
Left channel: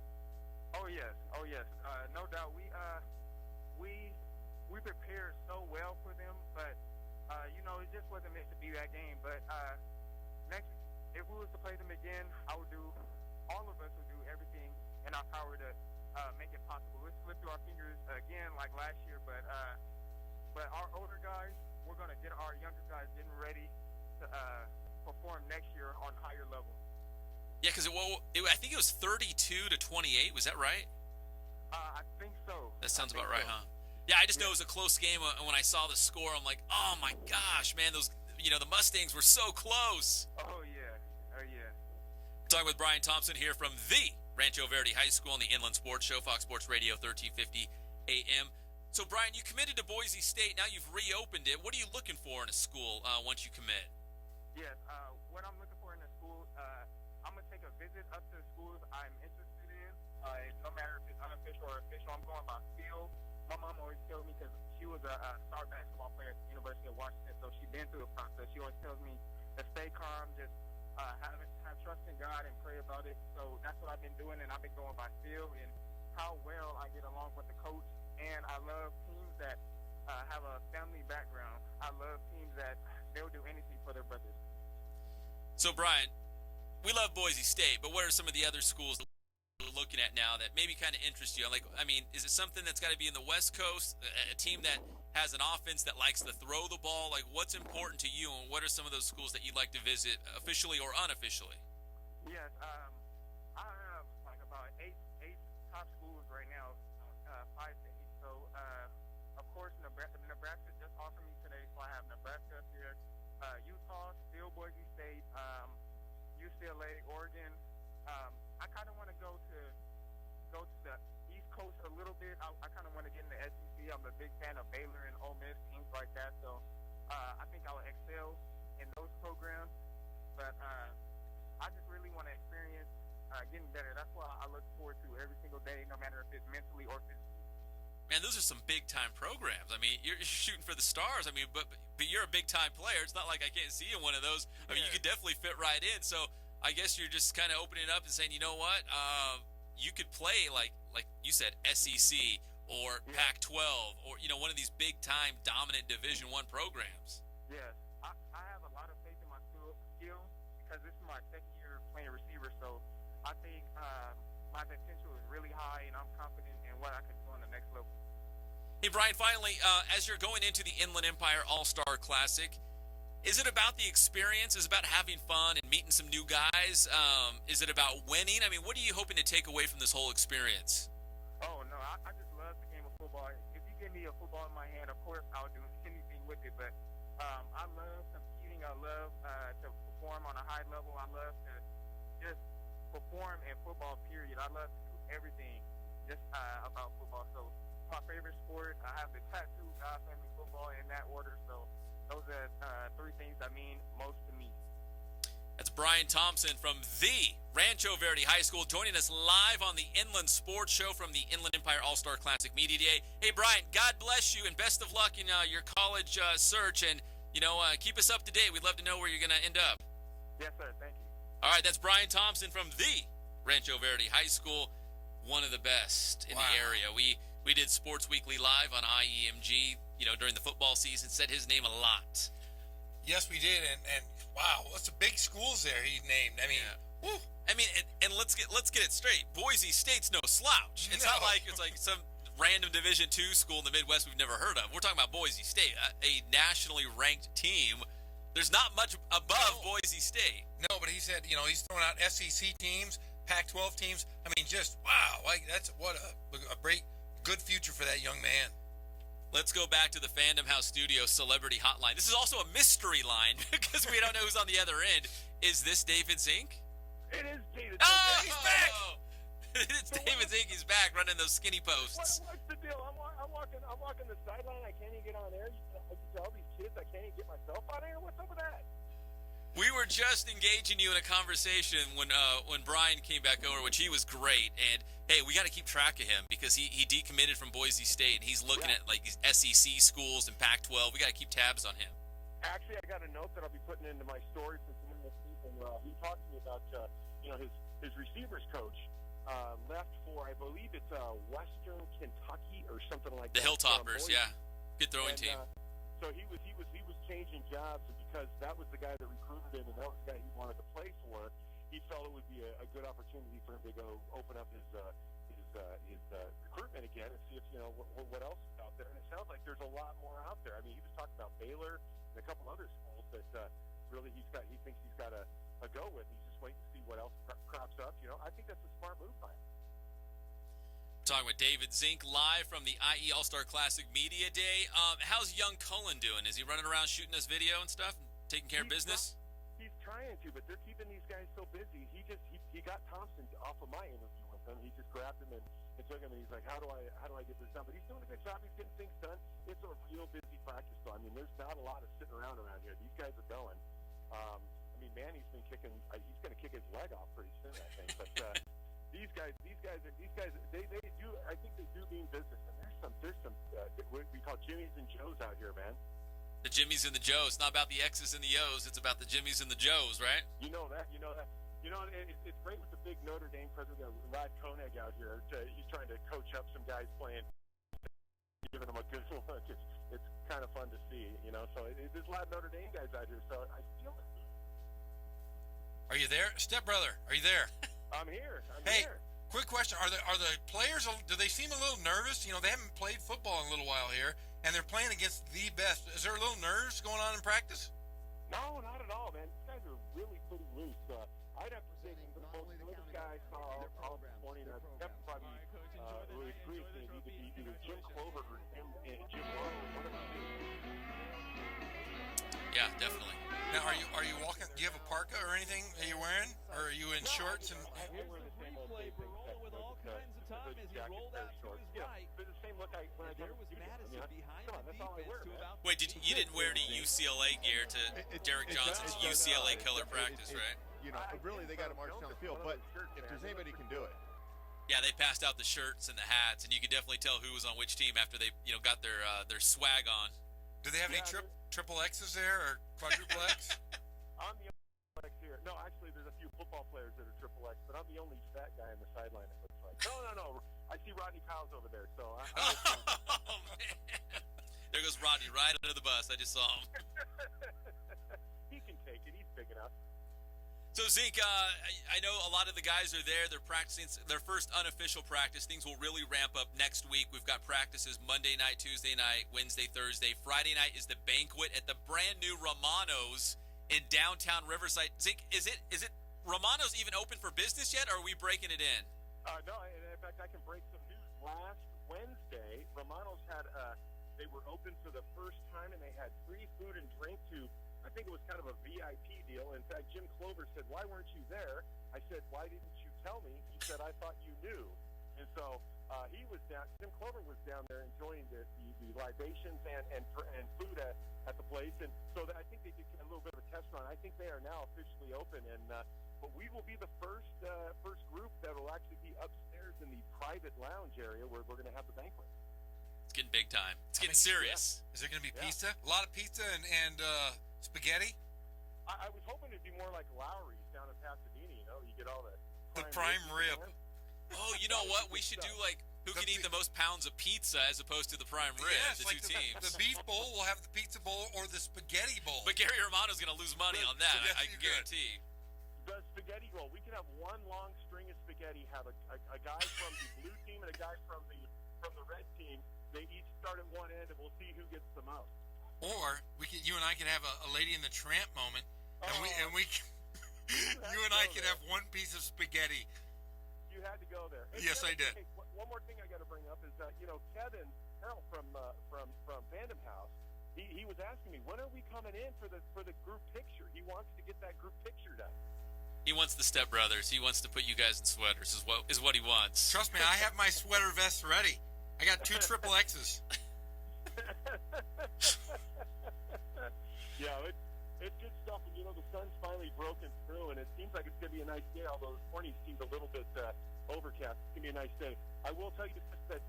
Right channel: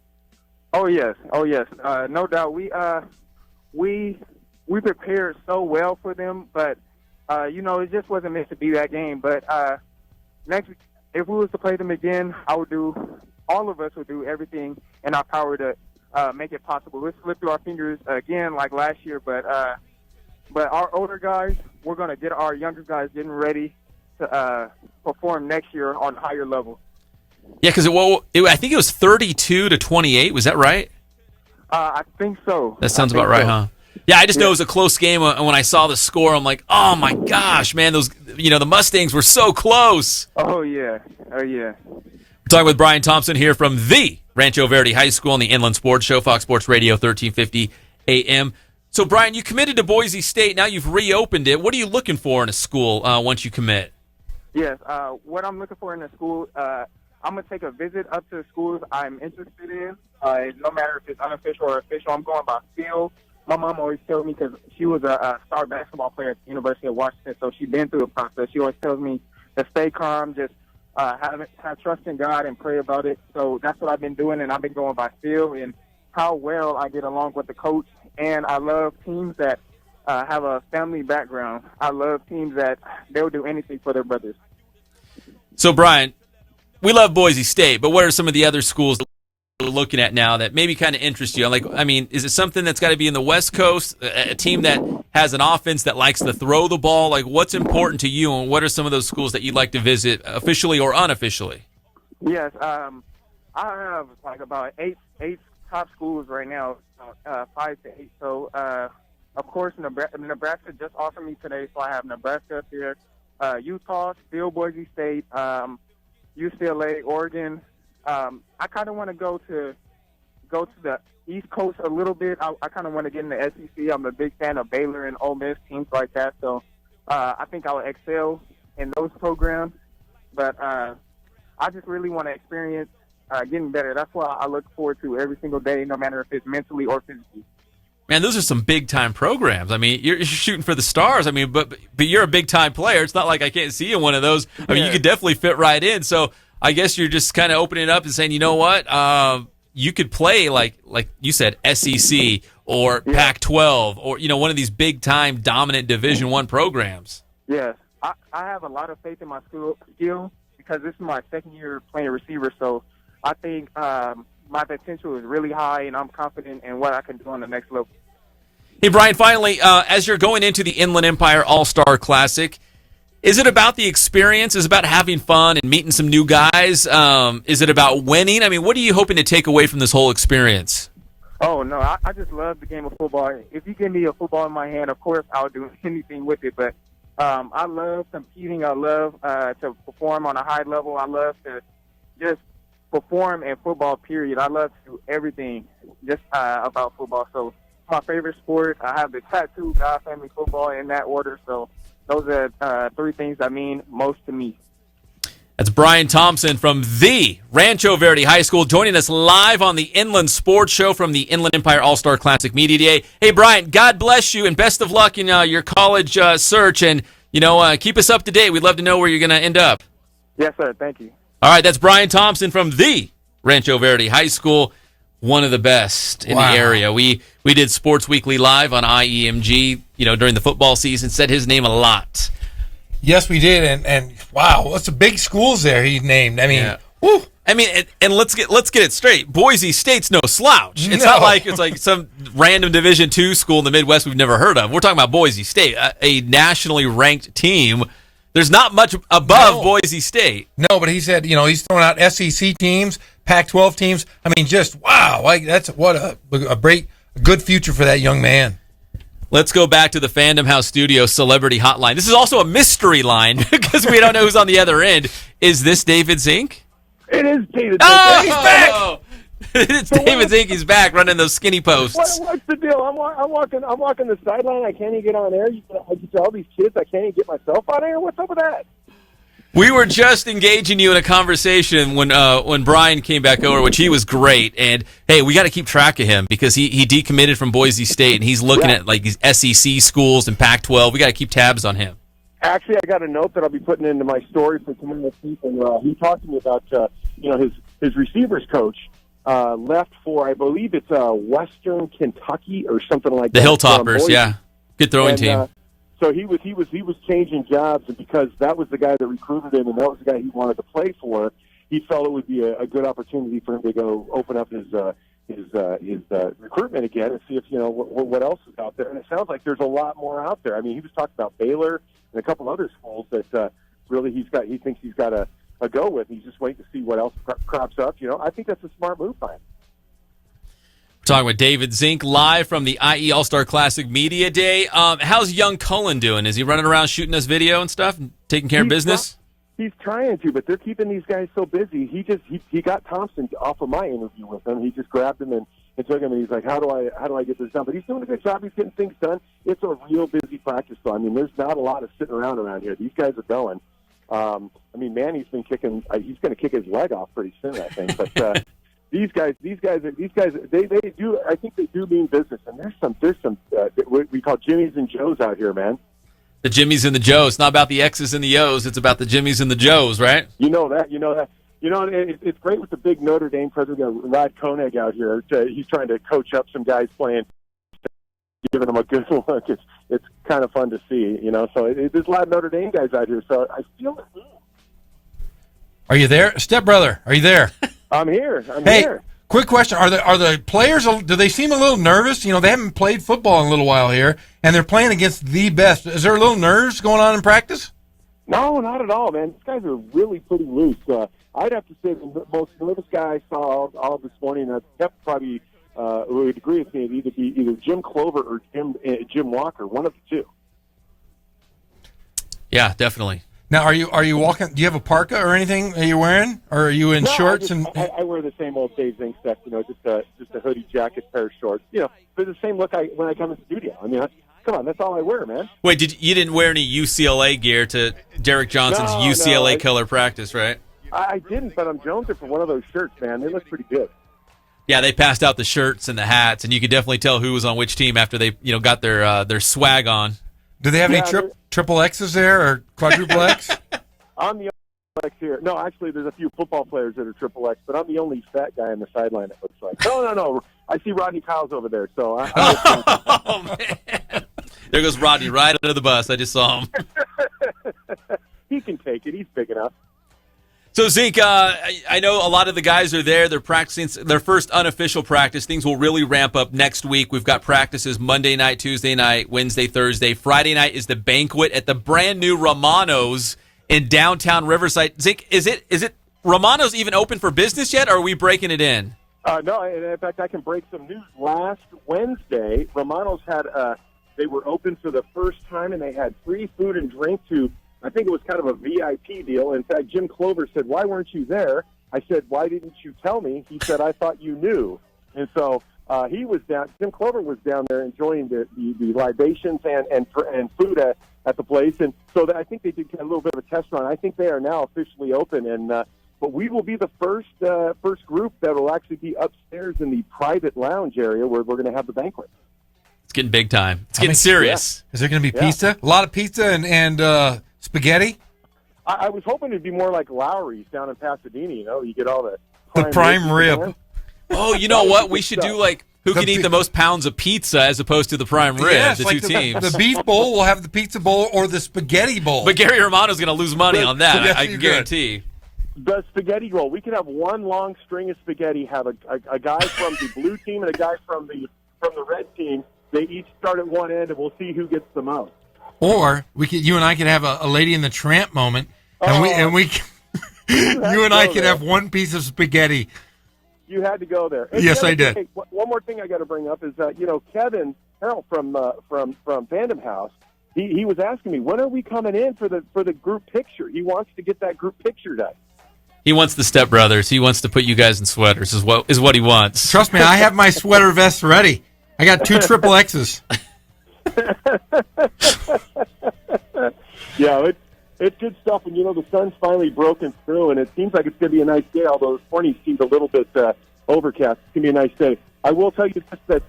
Oh yes, no doubt. We prepared so well for them, but you know, it just wasn't meant to be that game. But next, if we was to play them again, all of us would do everything in our power to make it possible. Let's slip through our fingers again like last year, but our older guys, we're going to get our younger guys getting ready to perform next year on a higher level. Yeah, because I think it was 32-28. Was that right? I think so. That sounds about right, huh? Yeah, I just know it was a close game. And when I saw the score, I'm like, oh my gosh, man, those, you know, the Mustangs were so close. Oh yeah. We're talking with Brian Thompson here from the Rancho Verde High School on the Inland Sports Show, Fox Sports Radio, 1350 AM. So, Brian, you committed to Boise State. Now you've reopened it. What are you looking for in a school once you commit? Yes, what I'm looking for in a school, I'm going to take a visit up to the schools I'm interested in. No matter if it's unofficial or official, I'm going by feel. My mom always tells me, because she was a star basketball player at the University of Washington, so she's been through the process. She always tells me to stay calm, just have trust in God and pray about it. So that's what I've been doing, and I've been going by feel and how well I get along with the coach. And I love teams that have a family background. I love teams that they'll do anything for their brothers. So, Brian, we love Boise State, but what are some of the other schools that we're looking at now that maybe kind of interest you? Like, I mean, is it something that's got to be in the West Coast, a team that has an offense that likes to throw the ball? Like, what's important to you, and what are some of those schools that you'd like to visit, officially or unofficially? Yes, I have like about eight top schools right now, 5 to 8. So, of course, Nebraska just offered me today, so I have Nebraska up here, Utah, still Boise State, UCLA, Oregon. I kind of want to go to the East Coast a little bit. I kind of want to get in the SEC. I'm a big fan of Baylor and Ole Miss, teams like that. So I think I will excel in those programs. But I just really want to experience getting better. That's what I look forward to every single day, no matter if it's mentally or physically. Man, those are some big-time programs. I mean, you're shooting for the stars. I mean, but you're a big-time player. It's not like I can't see you in one of those. I mean, you could definitely fit right in. So I guess you're just kind of opening it up and saying, you know what, you could play like you said, SEC or Pac-12 or, you know, one of these big-time dominant Division I programs. Yes. I have a lot of faith in my skill because this is my second year playing receiver. So I think my potential is really high, and I'm confident in what I can do on the next level. Hey, Brian, finally, as you're going into the Inland Empire All-Star Classic, is it about the experience? Is it about having fun and meeting some new guys? Is it about winning? I mean, what are you hoping to take away from this whole experience? Oh, no, I just love the game of football. If you give me a football in my hand, of course I'll do anything with it. But I love competing. I love to perform on a high level. I love to just perform in football, period. I love to do everything just about football. So my favorite sport, I have the tattoo, God, family, football in that order. So those are three things that mean most to me. That's Brian Thompson from the Rancho Verde High School joining us live on the Inland Sports Show from the Inland Empire All-Star Classic Media Day. Hey, Brian, God bless you and best of luck in your college search. And, keep us up to date. We'd love to know where you're going to end up. Yes, sir. Thank you. All right, that's Brian Thompson from the Rancho Verde High School, one of the best in the area. We did Sports Weekly Live on IEMG, during the football season, said his name a lot. Yes, we did, and wow, what's the big schools there he named? I mean, whew. I mean, and let's get it straight. Boise State's no slouch. It's not like it's like some random Division II school in the Midwest we've never heard of. We're talking about Boise State, a nationally ranked team. There's not much above Boise State. No, but he said, he's throwing out SEC teams, Pac-12 teams. I mean, just wow, that's what a great, good future for that young man. Let's go back to the Fandom House Studio Celebrity Hotline. This is also a mystery line because we don't know who's on the other end. Is this David Zink? It is David Zink. Oh, he's back. It's David Zink. He's back running those skinny posts. What's the deal? I'm walking the sideline. I can't even get on air. I get all these kids. I can't even get myself on air. What's up with that? We were just engaging you in a conversation when Brian came back over, which he was great. And, hey, we got to keep track of him because he decommitted from Boise State, and he's looking at, like, these SEC schools and Pac-12. We got to keep tabs on him. Actually, I got a note that I'll be putting into my story for tomorrow's people. He talked to me about, his receivers coach left for, I believe it's Western Kentucky or something like that. The Hilltoppers, yeah. Good throwing team. So he was changing jobs, and because that was the guy that recruited him, and that was the guy he wanted to play for, he felt it would be a good opportunity for him to go open up his recruitment again and see if what else is out there. And it sounds like there's a lot more out there. I mean, he was talking about Baylor and a couple other schools that really he thinks he's got a go with. He's just waiting to see what else crops up. I think that's a smart move by him. Talking with David Zink live from the IE All-Star Classic Media Day. How's young Cullen doing? Is he running around shooting us video and stuff and taking care of business? He's trying to, but they're keeping these guys so busy. He got Thompson off of my interview with him. He just grabbed him and took him, and he's like, how do I get this done? But he's doing a good job. He's getting things done. It's a real busy practice, though. I mean, there's not a lot of sitting around here. These guys are going. Manny's been kicking. He's going to kick his leg off pretty soon, I think. But These guys, they do. I think they do mean business, and there's some what we call Jimmies and Joes out here, man. The Jimmies and the Joes. It's not about the X's and the O's. It's about the Jimmies and the Joes, right? You know that. It's great with the big Notre Dame president, Rod Koenig, out here. He's trying to coach up some guys playing, giving them a good look. It's kind of fun to see, So there's a lot of Notre Dame guys out here. So I feel it. Are you there, stepbrother? Are you there? I'm here. Hey, quick question: Are the players? Do they seem a little nervous? They haven't played football in a little while here, and they're playing against the best. Is there a little nerves going on in practice? No, not at all, man. These guys are really pretty loose. I'd have to say the most nervous guy I saw all this morning. I probably would agree with me. It'd be either Jim Clover or Jim Walker, one of the two. Yeah, definitely. Now, are you walking? Do you have a parka or anything that you're wearing, or are you in shorts? I wear the same old Dave Zink stuff, just a hoodie, jacket, pair of shorts. They're the same look when I come in the studio. I mean, come on, that's all I wear, man. Wait, you didn't wear any UCLA gear to Derrick Johnson's UCLA color practice, right? I didn't, but I'm jonesing for one of those shirts, man. They look pretty good. Yeah, they passed out the shirts and the hats, and you could definitely tell who was on which team after they got their swag on. Do they have any triple X's there or quadruple X? I'm the only X here. No, actually, there's a few football players that are triple X, but I'm the only fat guy on the sideline, it looks like. No. I see Rodney Kyle's over there. So oh, man. There goes Rodney right under the bus. I just saw him. He can take it. He's big enough. So, Zink, I know a lot of the guys are there. They're practicing their first unofficial practice. Things will really ramp up next week. We've got practices Monday night, Tuesday night, Wednesday, Thursday. Friday night is the banquet at the brand new Romano's in downtown Riverside. Zink, is it Romano's even open for business yet, or are we breaking it in? No, in fact, I can break some news. Last Wednesday, Romano's had They were open for the first time, and they had free food and drink to, I think it was kind of a VIP deal. In fact, Jim Clover said, "Why weren't you there?" I said, "Why didn't you tell me?" He said, "I thought you knew." And so he was down. Jim Clover was down there enjoying the libations and food at the place. And so I think they did a little bit of a test run. I think they are now officially open. And but we will be the first group that will actually be upstairs in the private lounge area where we're going to have the banquet. It's getting big time. It's getting serious. Is there going to be pizza? A lot of pizza and spaghetti? I was hoping it'd be more like Lowry's down in Pasadena. You know, you get all the prime rib. Oh, you know what? We should do like who can eat the most pounds of pizza as opposed to the prime rib. Yes, the like two teams. The beef bowl will have the pizza bowl or the spaghetti bowl. But Gary Romano's going to lose money on that. Yes, I can guarantee. The spaghetti roll. We could have one long string of spaghetti. Have a guy from the blue team and a guy from the red team. They each start at one end, and we'll see who gets the most. Or you and I could have a Lady in the Tramp moment, and we you and I could have one piece of spaghetti. You had to go there. Yes, I did. Hey, one more thing I got to bring up is Kevin Harrell from Fandom House. He was asking me, when are we coming in for the group picture? He wants to get that group picture done. He wants the stepbrothers. He wants to put you guys in sweaters. Is what he wants. Trust me, I have my sweater vest ready. I got 2 XXXs. Yeah, it's good stuff. And, the sun's finally broken through, and it seems like it's going to be a nice day, although this morning seemed a little bit overcast. It's going to be a nice day. I will tell you this,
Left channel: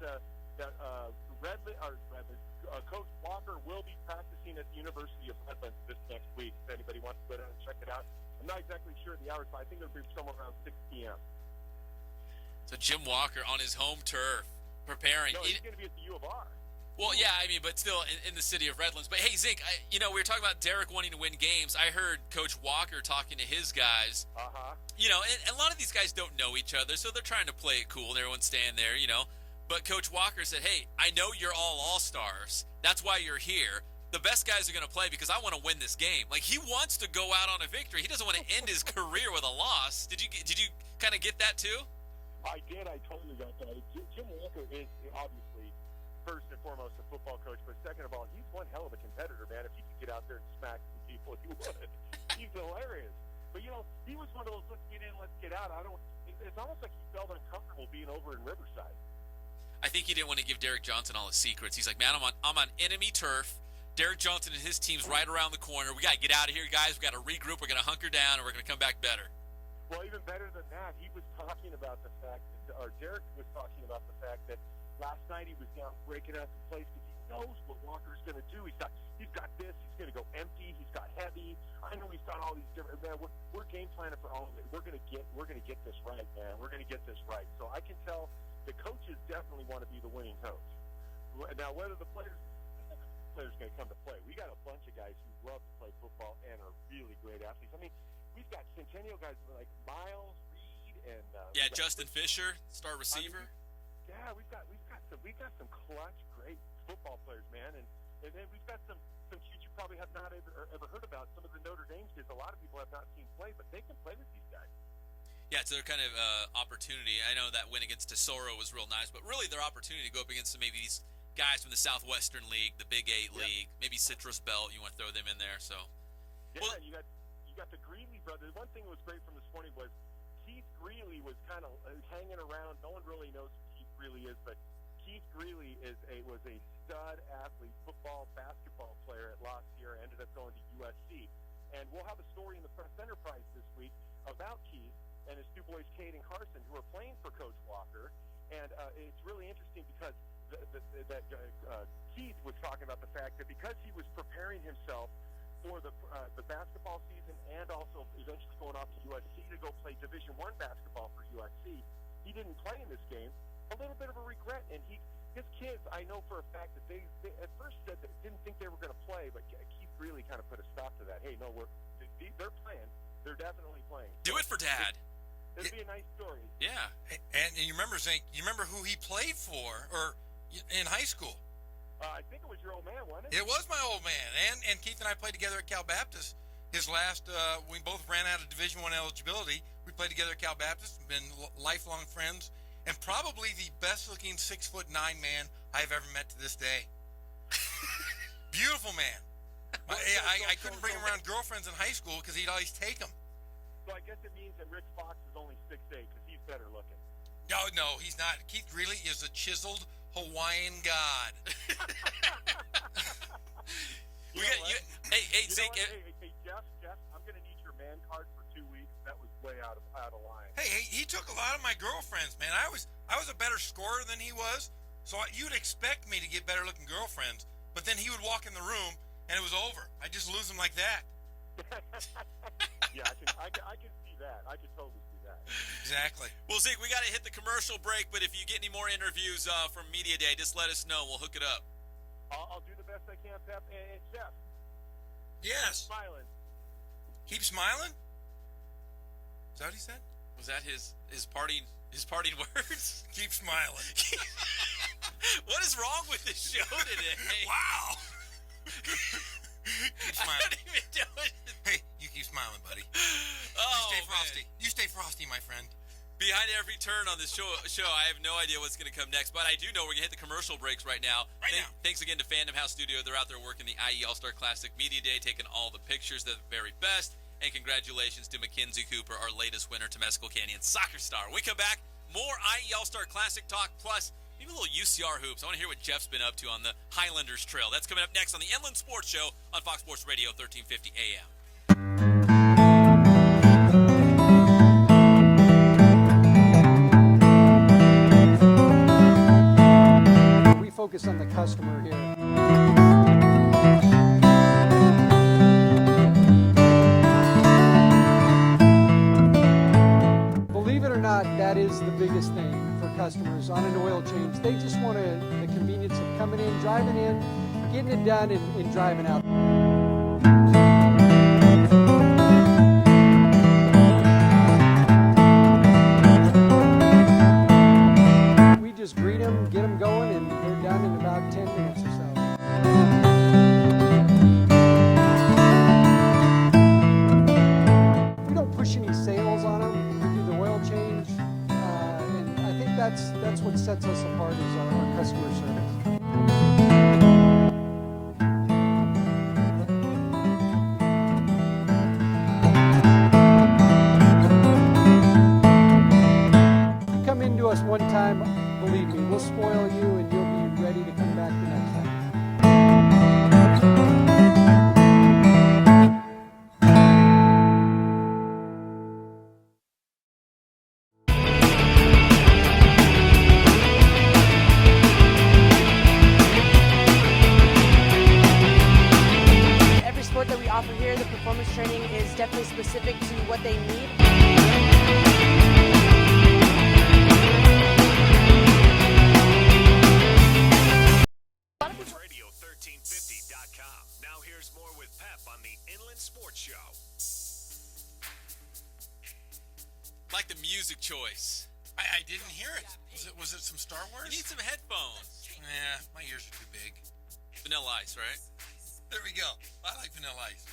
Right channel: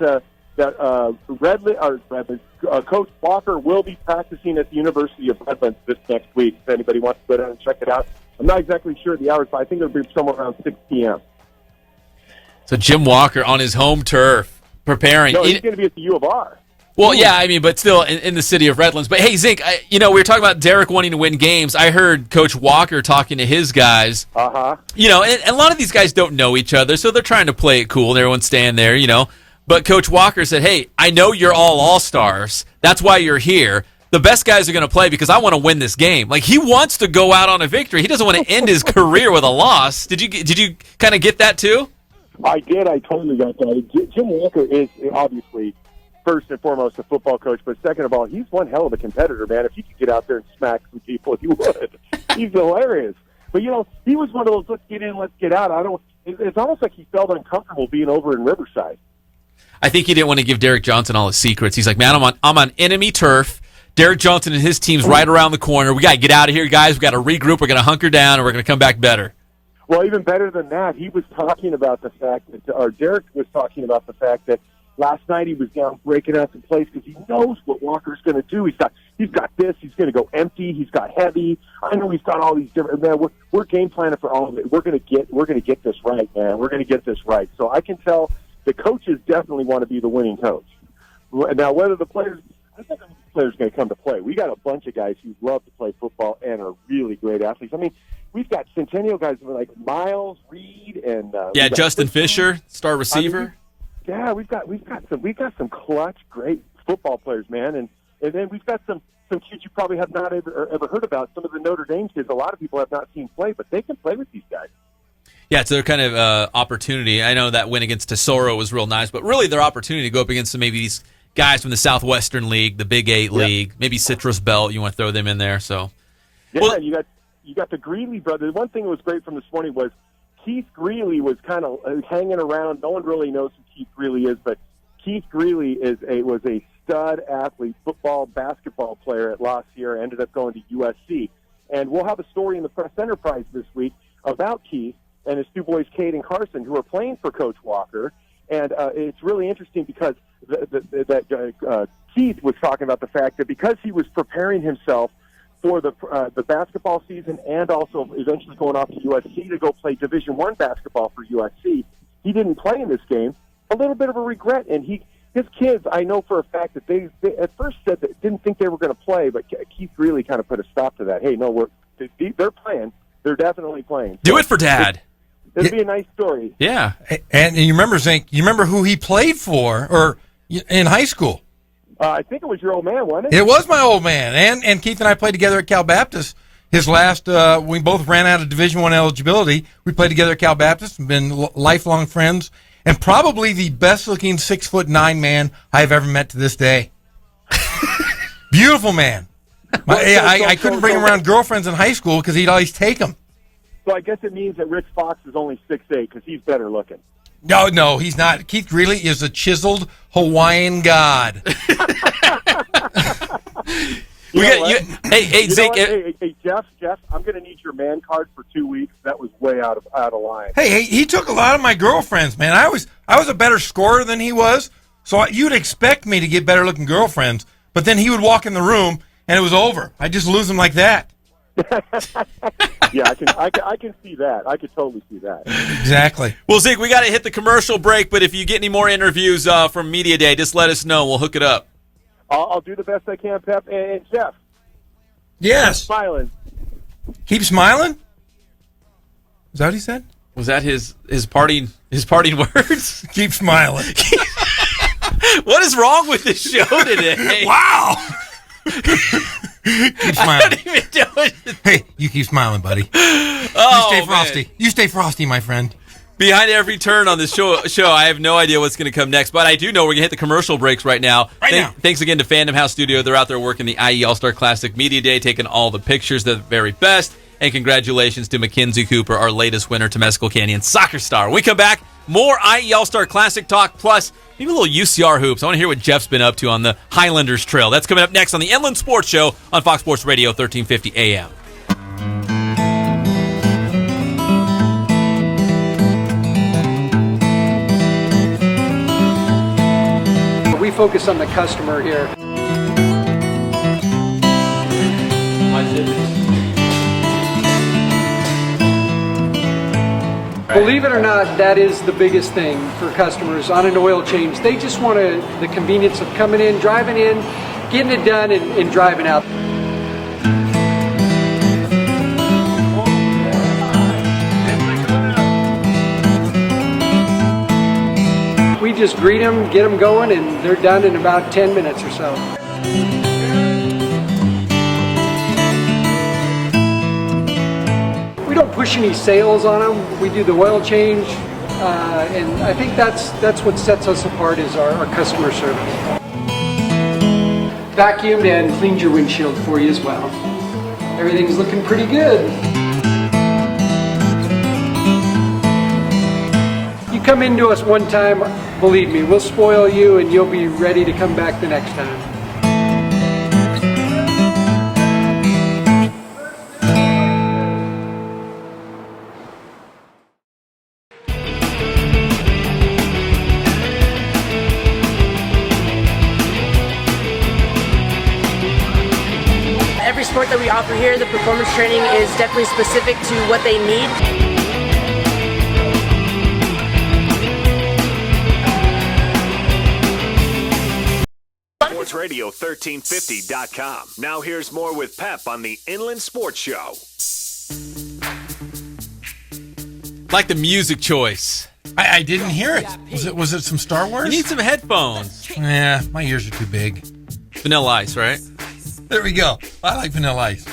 that Redlands, Coach Walker will be practicing at the University of Redlands this next week. If anybody wants to go down and check it out. I'm not exactly sure the hours, but I think it'll be somewhere around 6 p.m. So Jim Walker on his home turf preparing. No, he's going to be at the U of R. Well, yeah, I mean, but still in the city of Redlands. But, hey, Zink, we were talking about Derrick wanting to win games. I heard Coach Walker talking to his guys. Uh-huh. And a lot of these guys don't know each other, so they're trying to play it cool, and everyone's staying there, But Coach Walker said, hey, I know you're all all-stars. That's why you're here. The best guys are going to play because I want to win this game. Like, he wants to go out on a victory. He doesn't want to end his career with a loss. Did you kind of get that too? I did. I totally got that. Jim Walker is obviously first and foremost a football coach, but second of all, he's one hell of a competitor, man. If he could get out there and smack some people, he would. He's hilarious. But, he was one of those, let's get in, let's get out. It's almost like he felt uncomfortable being over in Riverside. I think he didn't want to give Derrick Johnson all his secrets. He's like, man, I'm on enemy turf. Derrick Johnson and his team's right around the corner. We got to get out of here, guys. We got to regroup. We're going to hunker down, and we're going to come back better. Well, even better than that, he was talking about the fact that, or Derrick was talking about the fact that last night he was down breaking up the place because he knows what Walker's going to do. He's got this. He's going to go empty. He's got heavy. I know he's got all these different. Man, we're game planning for all of it. We're going to get this right, man. We're going to get this right. So I can tell the coaches definitely want to be the winning coach. Now, whether the players, I think the players are going to come to play. We got a bunch of guys who love to play football and are really great athletes. I mean, we've got Centennial guys like Miles, Reed, and Justin Fisher, star receiver. We've got some clutch, great football players, man, and then we've got some kids you probably have not ever heard about. Some of the Notre Dame kids, a lot of people have not seen play, but they can play with these guys. Yeah, it's their kind of opportunity. I know that win against Tesoro was real nice, but really their opportunity to go up against some maybe these guys from the Southwestern League, the Big 8 League, maybe Citrus Belt. You want to throw them in there, so. Yeah, well, you got the Greeley brothers. One thing that was great from this morning was Keith Greeley was kind of hanging around. No one really knows who Keith Greeley is, but Keith Greeley was a stud athlete, football, basketball player at La Sierra, ended up going to USC. And we'll have a story in the Press Enterprise this week about Keith and his two boys, Cade and Carson, who are playing for Coach Walker. And it's really interesting because Keith was talking about the fact that because he was preparing himself for the basketball season and also eventually going off to USC to go play Division I basketball for USC, he didn't play in this game. A little bit of a regret. And his kids, I know for a fact that they at first said that didn't think they were going to play, but Keith really kind of put a stop to that. Hey, no, they're playing. They're definitely playing. Do it for Dad. It'd be a nice story. Yeah. And you remember, Zink, who he played for or in high school? I think it was your old man, wasn't it? It was my old man. And Keith and I played together at Cal Baptist. His last, we both ran out of Division I eligibility. We played together at Cal Baptist and been lifelong friends. And probably the best-looking 6'9" man I've ever met to this day. Beautiful man. I couldn't bring him around girlfriends in high school because he'd always take them. So I guess it means that Rick Fox is only 6'8" because he's better looking. No, he's not. Keith Greeley is a chiseled Hawaiian god. Hey, Zeke. Hey, Jeff, I'm going to need your man card for 2 weeks. That was way out of line. Hey, he took a lot of my girlfriends, man. I was a better scorer than he was, so you'd expect me to get better looking girlfriends. But then he would walk in the room and it was over. I just lose them like that. Yeah, I can see that. I could totally see that. Exactly. Well, Zeke, we got to hit the commercial break, but if you get any more interviews from Media Day, just let us know. We'll hook it up. I'll do the best I can, Pep. And Jeff. Yes. Keep smiling. Keep smiling? Is that what he said? Was that his parting words? Keep smiling. What is wrong with this show today? Wow. Keep smiling. I don't even do it. Hey, you keep smiling, buddy. Oh, you stay frosty. Man. You stay frosty, my friend. Behind every turn on this show, I have no idea what's going to come next, but I do know we're going to hit the commercial breaks right now. Thanks again to Fandom House Studio. They're out there working the IE All-Star Classic Media Day, taking all the pictures, the very best. And congratulations to Mackenzie Cooper, our latest winner, Temescal Canyon soccer star. When we come back, more IE All-Star Classic talk, plus maybe a little UCR hoops. I want to hear what Jeff's been up to on the Highlanders Trail. That's coming up next on the Inland Sports Show on Fox Sports Radio, 1350 AM. We focus on the customer here. Believe it or not, that is the biggest thing for customers on an oil change. They just want the convenience of coming in, driving in, getting it done, and driving out. We just greet them, get them going, and they're done in about 10 minutes or so. We don't push any sales on them. We do the oil change, and I think that's what sets us apart is our customer service. Vacuumed and cleaned your windshield for you as well. Everything's looking pretty good. You come into us one time, believe me, we'll spoil you and you'll be ready to come back the next time. That we offer here, the performance training is definitely specific to what they need. Sports Radio 1350.com. Now here's more with Pep on the Inland Sports Show. Like the music choice. I didn't hear it. Was it some Star Wars? You need some headphones. Yeah, my ears are too big. Vanilla Ice, right? There we go. I like Vanilla Ice.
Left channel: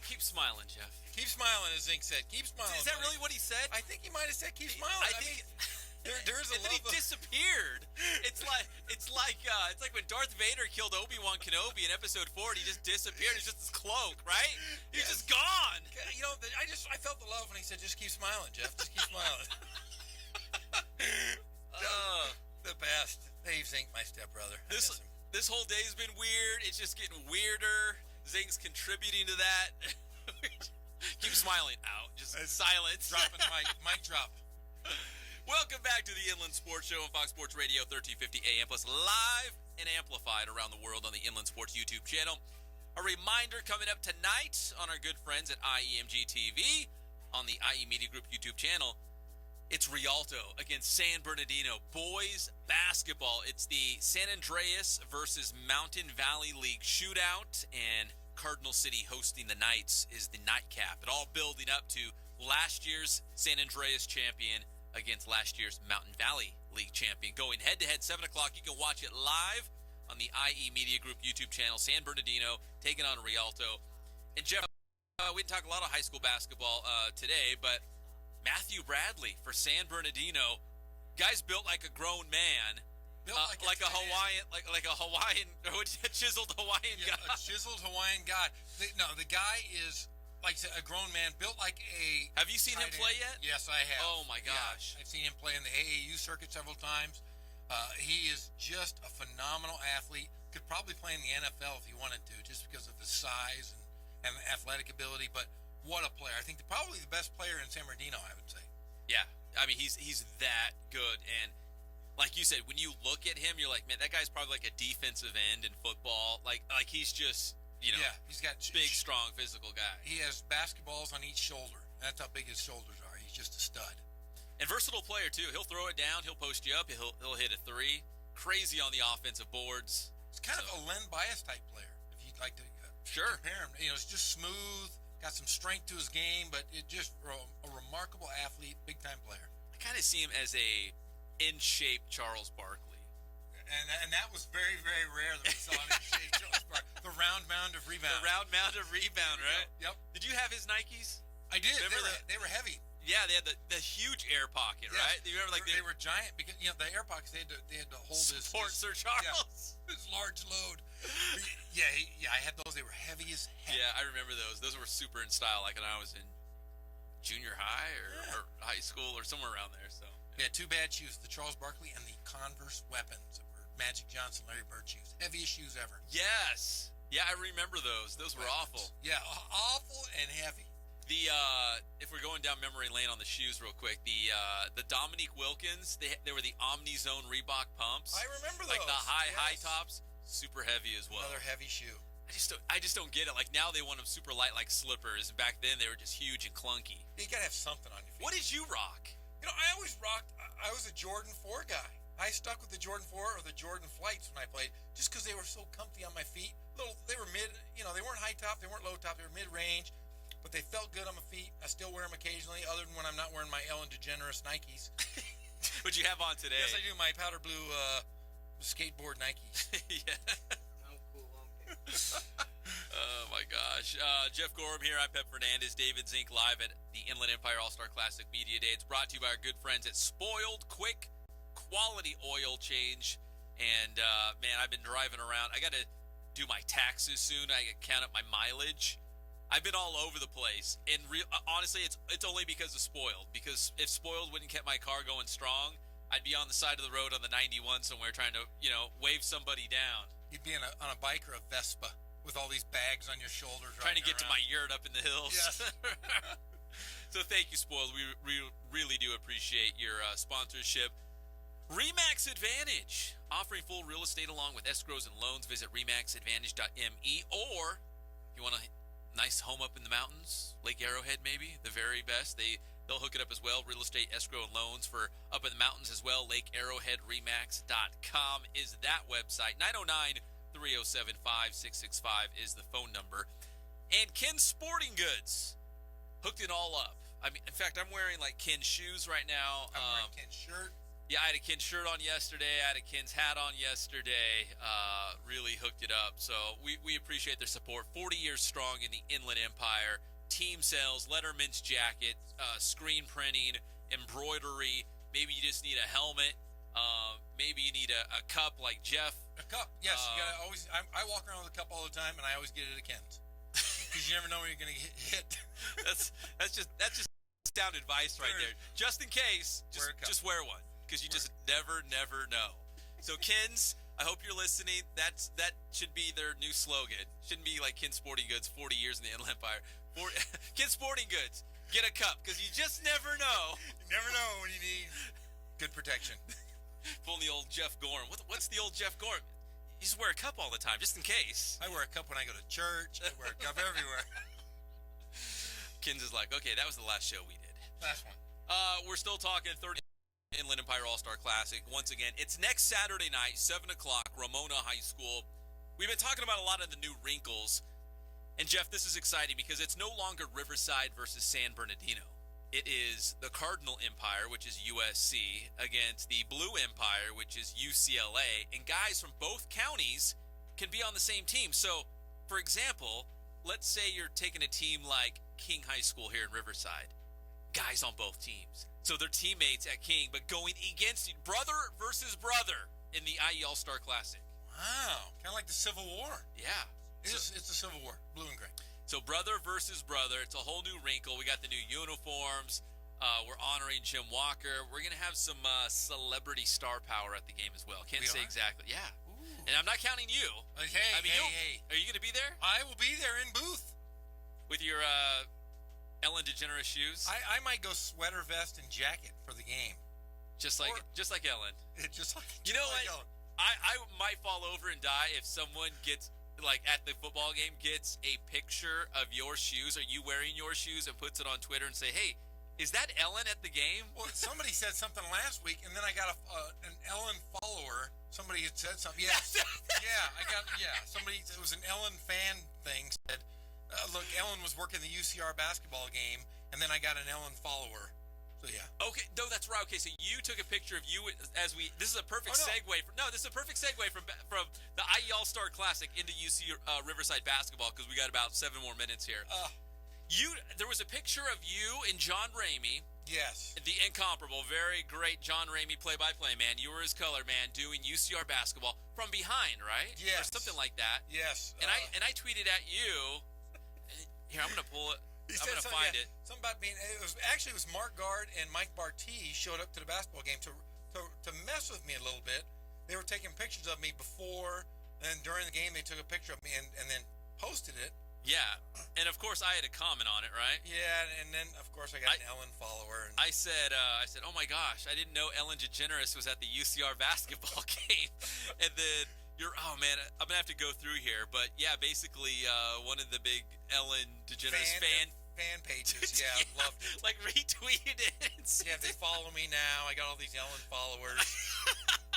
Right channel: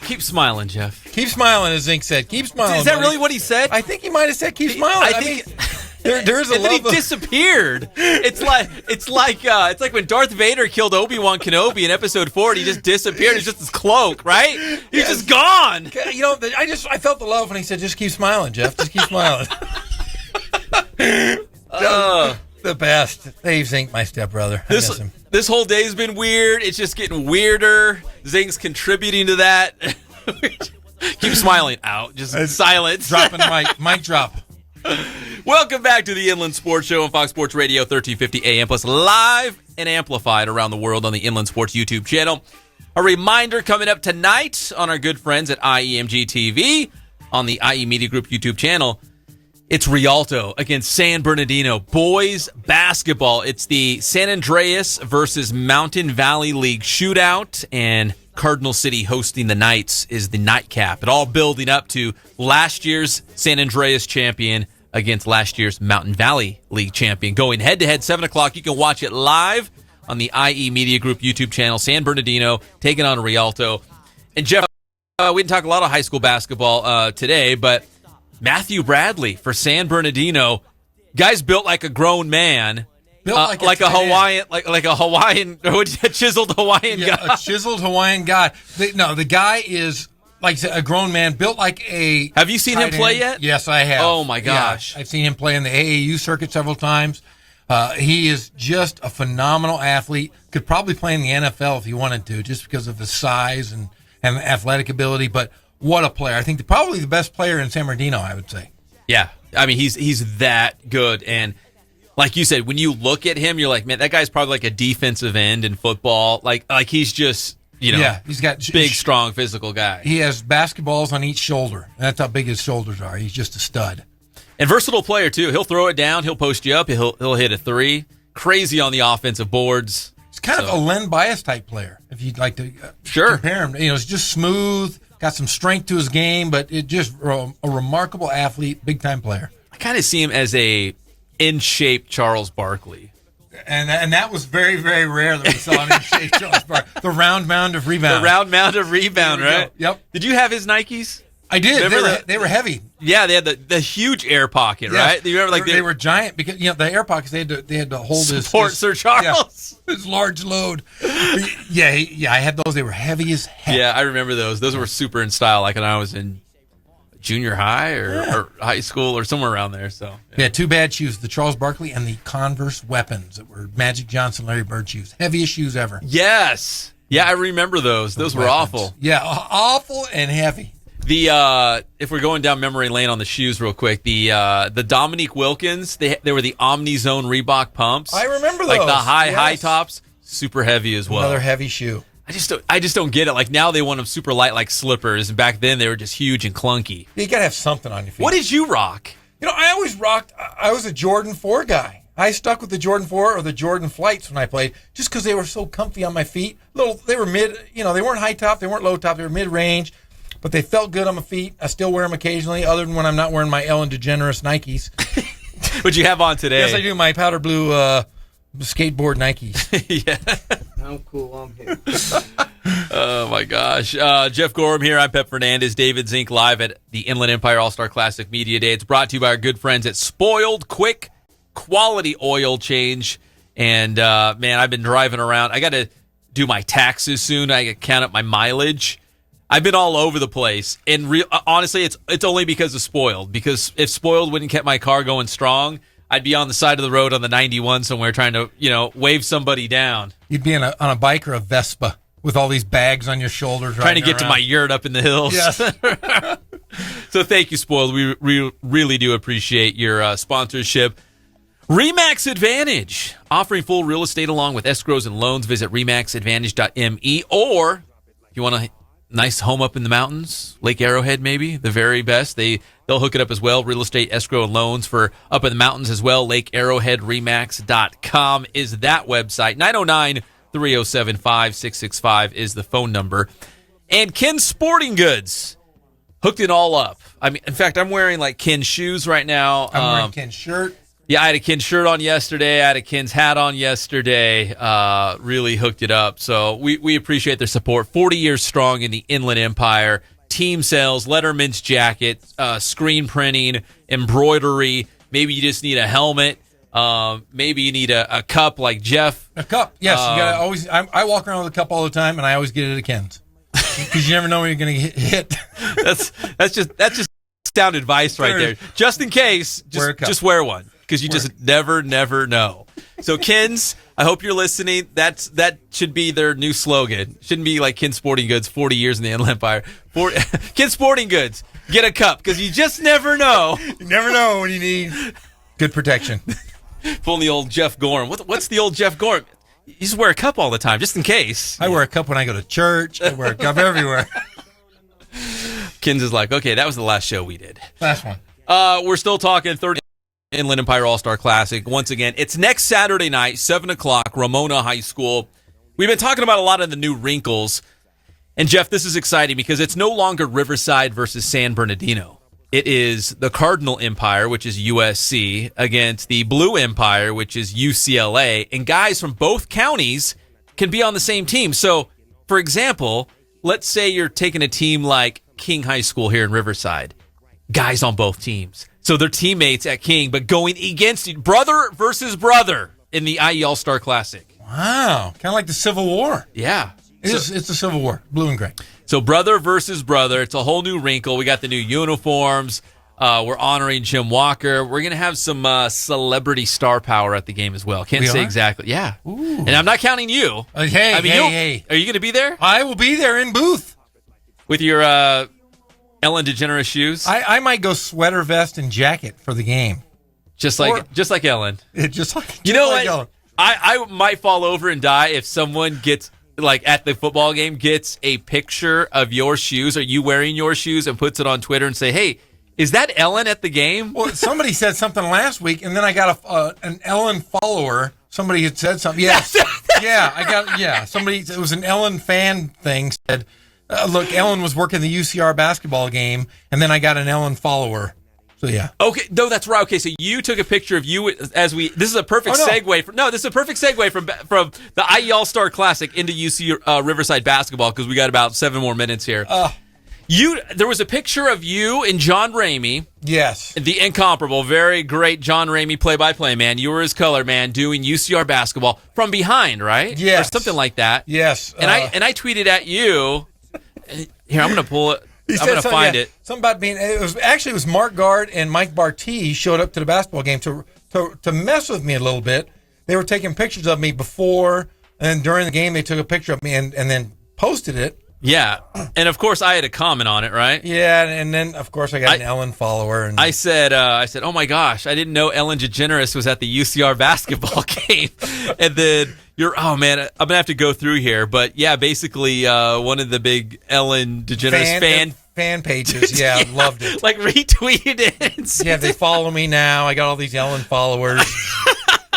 Keep smiling, Jeff. Keep smiling, as Zink said. Keep smiling. Is that really what he said? I think he might have said keep smiling. I think there's a and then he disappeared. It's like when Darth Vader killed Obi-Wan Kenobi in Episode 4 and he just disappeared. It's just his cloak, right? He's just gone. You know, I felt the love when he said, "Just keep smiling, Jeff. Just keep smiling." The best. Dave Zink, my stepbrother. I miss him. This whole day's been weird. It's just getting weirder. Zink's contributing to that. Keep smiling. Out. Just silence. Dropping the mic. Mic drop. Welcome back to the Inland Sports Show on Fox Sports Radio, 1350 AM, plus live and amplified around the world on the Inland Sports YouTube channel. A reminder coming up tonight on our good friends at IEMG TV on the IE Media Group YouTube channel. It's Rialto against San Bernardino boys basketball. It's the San Andreas versus Mountain Valley League shootout, and Cardinal City hosting the Knights is the nightcap. It all building up to last year's San Andreas champion against last year's Mountain Valley League champion. Going head-to-head, 7 o'clock. You can watch it live on the IE Media Group YouTube channel. San Bernardino taking on Rialto. And Jeff, we didn't talk a lot of high school basketball today, but Matthew Bradley for San Bernardino. Guy's built like a grown man, Built like a Hawaiian, like a Hawaiian, a chiseled Hawaiian guy. A chiseled Hawaiian guy. The guy is like a grown man, built like a. Have you seen him play end. yet? Yes, I have. Oh my gosh, yeah, I've seen him play in the AAU circuit several times. He is just a phenomenal athlete. Could probably play in the NFL if he wanted to, just because of his size and athletic ability. But what a player! I think probably the best player in San Bernardino, I would say. Yeah, I mean he's that good, and like you said, when you look at him, you're like, man, that guy's probably like a defensive end in football. Like he's just, he's got big, strong, physical guy. He has basketballs on each shoulder. That's how big his shoulders are. He's just a stud. And versatile player too. He'll throw it down. He'll post you up. He'll hit a three. Crazy on the offensive boards. He's kind of a Len Bias type player, if you'd like to compare him. It's just smooth, got some strength to his game, but it just a remarkable athlete, big time player. I kind of see him as a in shape Charles Barkley. And that was very, very rare that we saw an in shape Charles Barkley. The round mound of rebound. The round mound of rebound, right? Yep. Did you have his Nikes? I did. They were heavy. Yeah, they had the huge air pocket, right? Do you remember they were giant because the air pockets they had to hold support his Sir Charles. His large load. Yeah, I had those. They were heavy as heck. Yeah, I remember those. Those were super in style. Like when I was in junior high or high school or somewhere around there. So yeah, two bad shoes: the Charles Barkley and the Converse Weapons that were Magic Johnson, Larry Bird shoes. Heaviest shoes ever. Yes. Yeah, I remember those. Those were awful. Yeah, awful and heavy. If we're going down memory lane on the shoes real quick, the Dominique Wilkins, they were the Omnizone Reebok pumps. I remember those. Like the high tops, super heavy as well. Another heavy shoe. I just don't get it. Like now they want them super light like slippers, and back then they were just huge and clunky. You gotta have something on your feet. What did you rock? I always rocked. I was a Jordan 4 guy. I stuck with the Jordan 4 or the Jordan Flights when I played, just because they were so comfy on my feet. They were mid. They weren't high top. They weren't low top. They were mid range. But they felt good on my feet. I still wear them occasionally, other than when I'm not wearing my Ellen DeGeneres Nikes. What'd you have on today? Yes, I do. My powder blue skateboard Nikes. Yeah. I'm cool. I'm here. Oh, my gosh. Jeff Gorham here. I'm Pep Fernandez. David Zink live at the Inland Empire All-Star Classic Media Day. It's brought to you by our good friends at Spoiled Quick Quality Oil Change. And, man, I've been driving around. I got to do my taxes soon. I got to count up my mileage. I've been all over the place, and honestly, it's only because of Spoiled. Because if Spoiled wouldn't kept my car going strong, I'd be on the side of the road on the 91 somewhere trying to, wave somebody down. You'd be on a bike or a Vespa with all these bags on your shoulders, trying to get to my yurt up in the hills. Yes. So thank you, Spoiled. We really do appreciate your sponsorship. RE/MAX Advantage, offering full real estate along with escrows and loans. Visit remaxadvantage.me, or if you want to. Nice home up in the mountains, Lake Arrowhead maybe, the very best. They'll hook it up as well. Real estate, escrow, and loans for up in the mountains as well. Lake Arrowhead, remax.com is that website. 909-307-5665 is the phone number. And Ken's Sporting Goods hooked it all up. I mean, in fact, I'm wearing like Ken's shoes right now. I'm wearing Ken's shirt. Yeah, I had a Ken's shirt on yesterday. I had a Ken's hat on yesterday. Really hooked it up. So we appreciate their support. 40 years strong in the Inland Empire. Team sales, Letterman's jacket, screen printing, embroidery. Maybe you just need a helmet. Maybe you need a cup like Jeff. A cup, yes. You gotta always. I walk around with a cup all the time, and I always get it at Ken's because you never know when you're going to get hit. That's just sound advice right there. Just in case, just wear one. Because you just never know. So, Ken's, I hope you're listening. That should be their new slogan. Shouldn't be like Ken's Sporting Goods, 40 years in the Inland Empire. Ken's Sporting Goods, get a cup, because you just never know. You never know when you need good protection. Pulling the old Jeff Gorham. What's the old Jeff Gorham? You just wear a cup all the time, just in case. I wear a cup when I go to church. I wear a cup everywhere. Ken's is like, okay, that was the last show we did. Last one. We're still talking 30 Inland Empire All-Star Classic. Once again, it's next Saturday night, 7 o'clock, Ramona High School. We've been talking about a lot of the new wrinkles. And, Jeff, this is exciting because it's no longer Riverside versus San Bernardino. It is the Cardinal Empire, which is USC, against the Blue Empire, which is UCLA. And guys from both counties can be on the same team. So, for example, let's say you're taking a team like King High School here in Riverside. Guys on both teams. So they're teammates at King, but going against brother versus brother in the IE All-Star Classic. Wow. Kind of like the Civil War. Yeah. It's the Civil War, blue and gray. So brother versus brother. It's a whole new wrinkle. We got the new uniforms. We're honoring Jim Walker. We're going to have some celebrity star power at the game as well. Can't say exactly. Yeah. Ooh. And I'm not counting you. Hey. Are you going to be there? I will be there in booth. With your Ellen DeGeneres shoes? I might go sweater, vest, and jacket for the game. Just like Ellen. You know what? Ellen. I might fall over and die if someone gets, like at the football game, gets a picture of your shoes or you wearing your shoes and puts it on Twitter and say, hey, is that Ellen at the game? Well, somebody said something last week, and then I got an Ellen follower. Somebody had said something. Yes. Somebody, it was an Ellen fan thing, said, look, Ellen was working the UCR basketball game, and then I got an Ellen follower. So, yeah. Okay, no, that's right. Okay, so you took a picture of you as we. This is a perfect segue. This is a perfect segue from the IE All-Star Classic into UC Riverside basketball because we got about 7 more minutes here. There was a picture of you and John Ramey. Yes. The incomparable, very great John Ramey play-by-play man. You were his color man doing UCR basketball from behind, right? Yes. Or something like that. Yes. And I tweeted at you. Here, I'm going to pull it. I'm going to find it. Something about being. It was Mark Gard and Mike Bartee showed up to the basketball game to mess with me a little bit. They were taking pictures of me before, and then during the game they took a picture of me and then posted it. Yeah, and of course I had a comment on it, right? Yeah, and then of course I got an Ellen follower. And I said, oh my gosh, I didn't know Ellen DeGeneres was at the UCR basketball game. And then I'm gonna have to go through here, but yeah, basically one of the big Ellen DeGeneres fan pages. Yeah, loved it. Like retweeted it. Yeah, they follow me now. I got all these Ellen followers.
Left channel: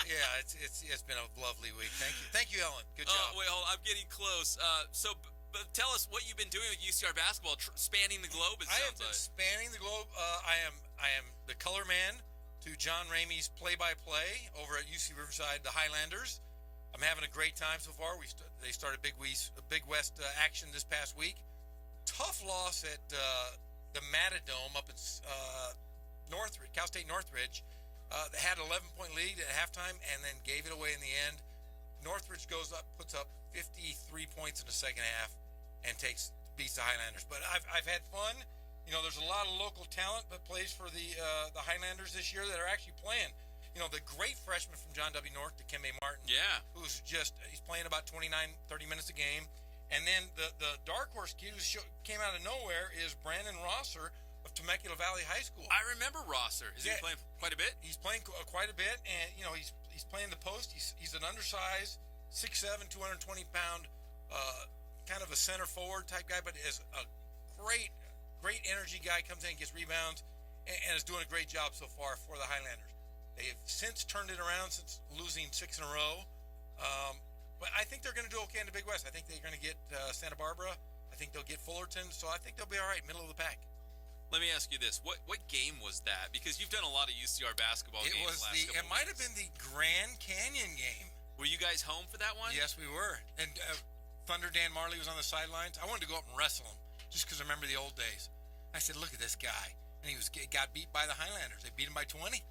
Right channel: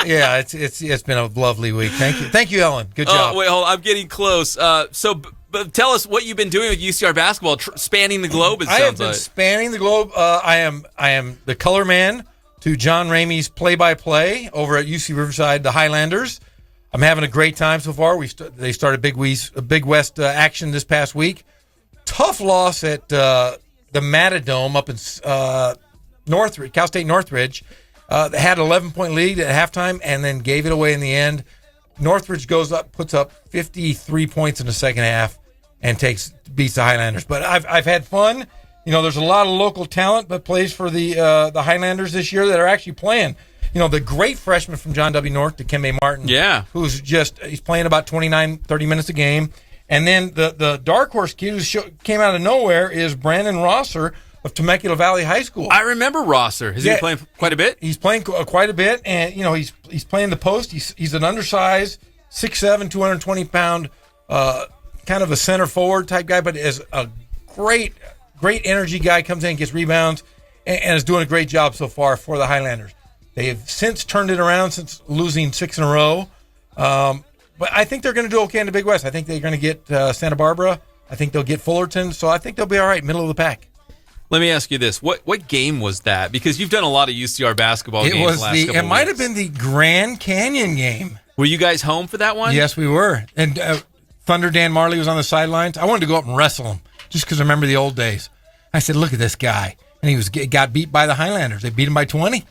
Yeah, it's been a lovely week. Thank you, Ellen. Good job. Wait, hold on. I'm getting close. But tell us what you've been doing with UCR basketball, spanning the globe. I have been spanning the globe. I am the color man to John Ramey's play-by-play over at UC Riverside, the Highlanders. I'm having a great time so far. They started Big West action this past week. Tough loss at the Matadome up in Northridge, Cal State Northridge. They had an 11-point lead at halftime and then gave it away in the end. Northridge puts up 53 points in the second half and beats the Highlanders. But I've had fun. You know, there's a lot of local talent that plays for the Highlanders this year that are actually playing. You know, the great freshman from John W. North, Dikembe Martin, who's he's playing about 29, 30 minutes a game. And then the dark horse kid who came out of nowhere is Brandon Rosser of Temecula Valley High School. I remember Rosser. Is he playing quite a bit? He's playing quite a bit, and you know he's playing the post. He's an undersized 6'7", 220-pound, kind of a center forward type guy, but is a great energy guy. Comes in, gets rebounds, and is doing a great job so far for the Highlanders. They have since turned it around since losing 6 in a row, but I think they're going to do okay in the Big West. I think they're going to get Santa Barbara. I think they'll get Fullerton, so I think they'll be all right, middle of the pack. Let me ask you this: what game was that? Because you've done a lot of UCR basketball games. It might have been the Grand Canyon game. Were you guys home for that one? Yes, we were. And Thunder Dan Marley was on the sidelines. I wanted to go up and wrestle him just because I remember the old days. I said, "Look at this guy," and he got beat by the Highlanders. They beat him by 20.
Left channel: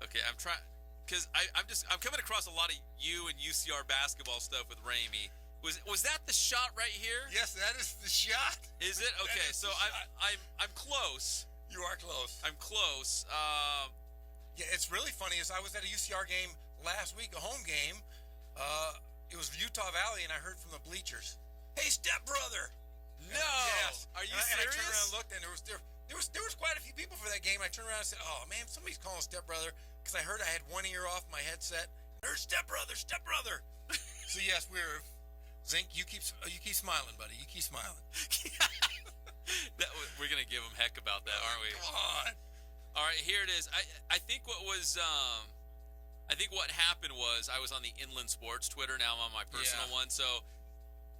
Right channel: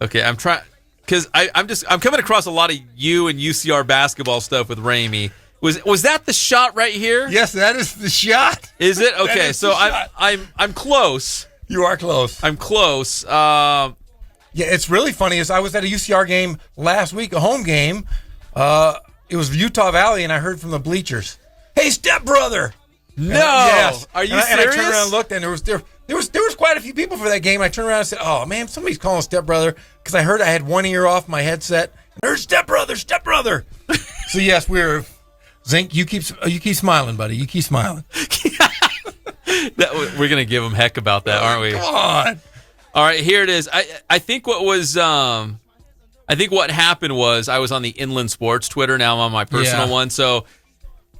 Okay, I'm trying because I'm coming across a lot of you and UCR basketball stuff with Ramey. Was that the shot right here? Yes, that is the shot. Is it? Okay, so I'm close. You are close. I'm close. Yeah, it's really funny. I was at a UCR game last week, a home game. It was Utah Valley, and I heard from the bleachers, "Hey, stepbrother!" No, yes. Are you serious? And I turned around and looked, and there was quite a few people for that game. I turned around and said, "Oh man, somebody's calling stepbrother," because I heard I had one ear off my headset. And I heard stepbrother. So yes, we're. Zink, you keep smiling, buddy. You keep smiling. We're gonna give him heck about that, aren't we? Come on. All right, here it is. I think what happened was I was on the Inland Sports Twitter. Now I'm on my personal one. So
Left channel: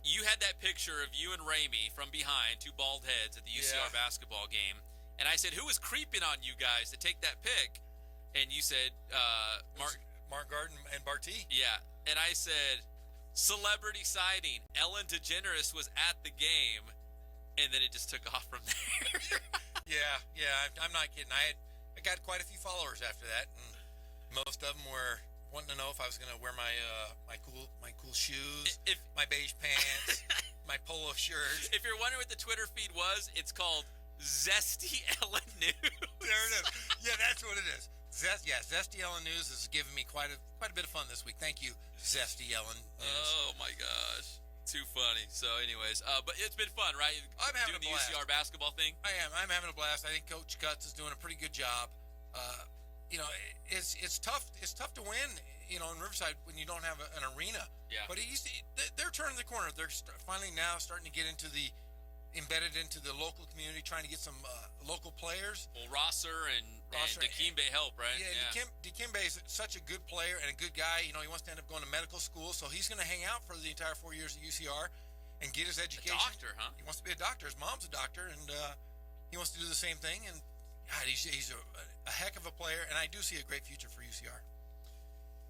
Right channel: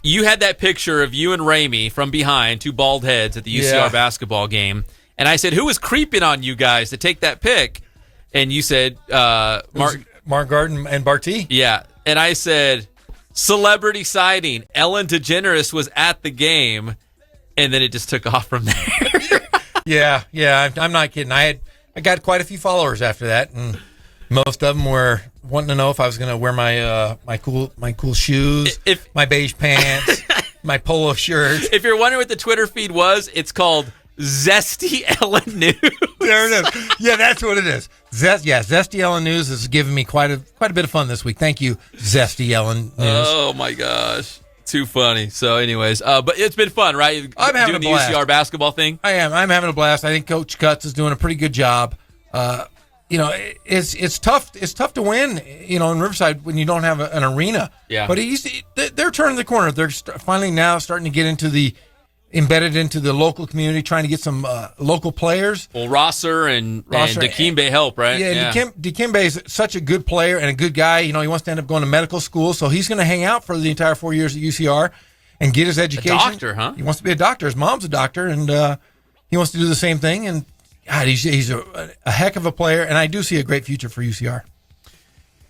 you had that picture of you and Ramey from behind, 2 bald heads at the UCR basketball game, and I said, "Who was creeping on you guys to take that pic?" And you said, "Mark Garden and Bartee." Yeah, and I said, "Celebrity sighting. Ellen DeGeneres was at the game," and then it just took off from there. Yeah. I'm not kidding. I got quite a few followers after that, and most of them were wanting to know if I was going to wear my my cool shoes, my beige pants, my polo shirt. If you're wondering what the Twitter feed was, it's called Zesty Ellen News. There it is. Yeah, that's what it is. Zesty Ellen News has given me quite a bit of fun this week. Thank you, Zesty Ellen News. Oh my gosh, too funny. So, anyways, but it's been fun, right? I'm having doing a blast. the UCR basketball thing. I am. I'm having a blast. I think Coach Cutts is doing a pretty good job. It's tough. It's tough to win, in Riverside when you don't have an arena. Yeah. But they're turning the corner. They're finally now starting to get embedded into the local community, trying to get some local players. Well, Rosser and Dikembe help, right? Yeah. Dikembe is such a good player and a good guy. He wants to end up going to medical school, so he's going to hang out for the entire 4 years at UCR and get his education. A doctor, huh? He wants to be a doctor. His mom's a doctor, and he wants to do the same thing. And God, he's a heck of a player, and I do see a great future for UCR.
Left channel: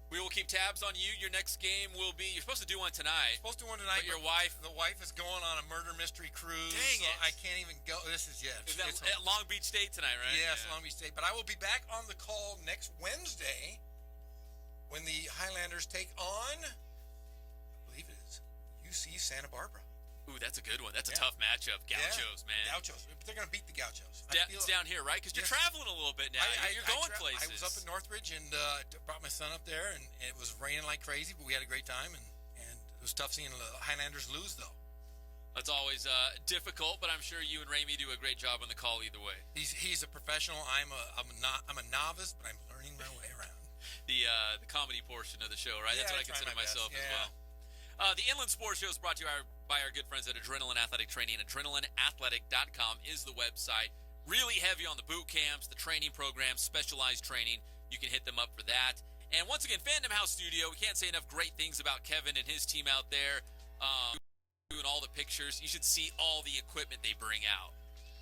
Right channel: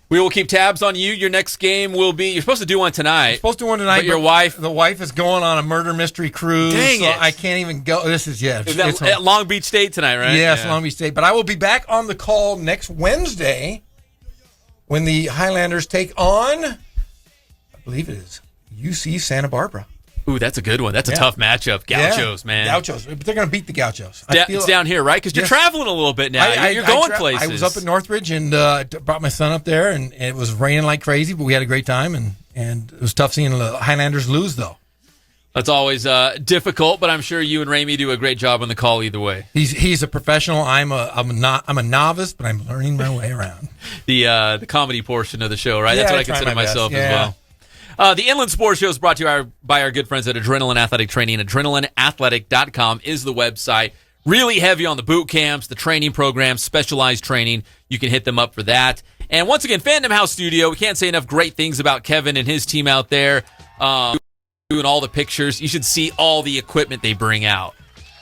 We will keep tabs on you. Your next game will be, you're supposed to do one tonight. Supposed to do one tonight. But the wife is going on a murder mystery cruise. Dang it. I can't even go. This is, Is that at Long Beach State tonight, right? Yes, Long Beach State. But I will be back on the call next Wednesday when the Highlanders take on, I believe it is, UC Santa Barbara. Ooh, that's a good one. That's a tough matchup. Gauchos, man. Gauchos. But they're going to beat the Gauchos. It's down here, right? Because you're traveling a little bit now. You're going places. I was up at Northridge and brought my son up there, and it was raining like crazy, but we had a great time, and it was tough seeing the Highlanders lose, though. That's always difficult, but I'm sure you and Ramey do a great job on the call either way. He's a professional. I'm a novice, but I'm learning my way around. The comedy portion of the show, right? Yeah, That's what I consider myself as well. The Inland Sports Show is brought to you by our good friends at Adrenaline Athletic Training. AdrenalineAthletic.com is the website. Really heavy on the boot camps, the training programs, specialized training. You can hit them up for that. And once again, Fandom House Studio. We can't say enough great things about Kevin and his team out there. Doing all the pictures. You should see all the equipment they bring out.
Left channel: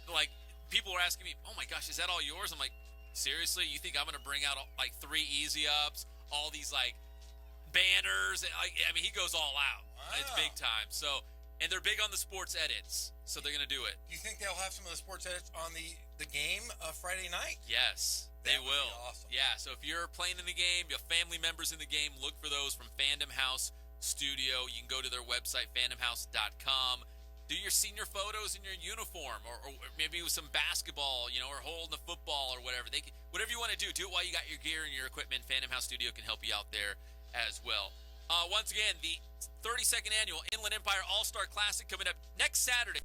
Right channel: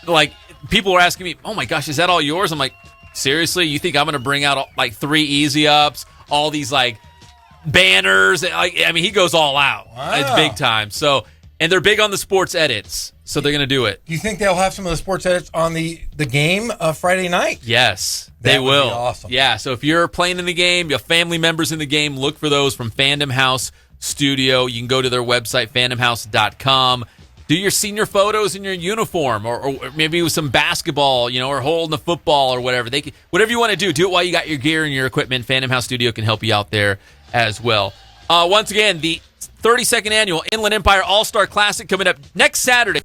Like, people are asking me, oh my gosh, is that all yours? I'm like, seriously? You think I'm going to bring out like 3 easy ups, all these like banners? I mean, he goes all out. Wow. It's big time. So, and they're big on the sports edits, so they're going to do it. Do you think they'll have some of the sports edits on the game Friday night? Yes, That they would will. be awesome. Yeah, so if you're playing in the game, you have family members in the game, look for those from Fandom House Studio. You can go to their website, fandomhouse.com. Do your senior photos in your uniform, or maybe with some basketball, or holding the football or whatever. Whatever you want to do it while you got your gear and your equipment. Fandom House Studio can help you out there as well. Once again, the 32nd annual Inland Empire All-Star Classic coming up next Saturday,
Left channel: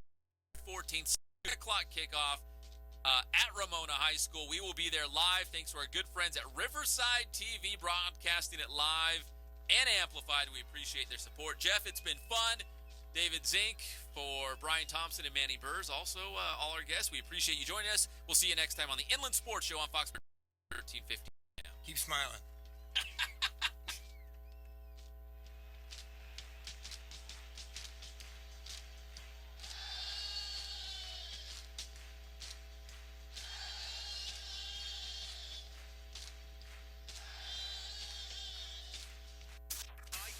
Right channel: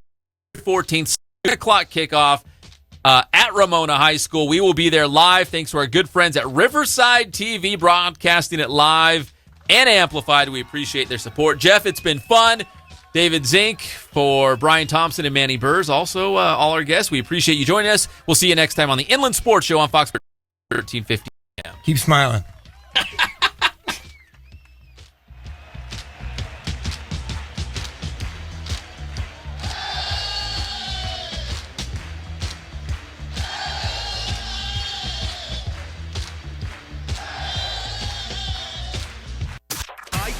14th, 6 o'clock kickoff at Ramona High School. We will be there live thanks to our good friends at Riverside TV, broadcasting it live and amplified. We appreciate their support. Jeff, it's been fun. David Zink for Brian Thompson and Manny Burrs, also all our guests. We appreciate you joining us. We'll see you next time on the Inland Sports Show on Fox 1350. Keep smiling.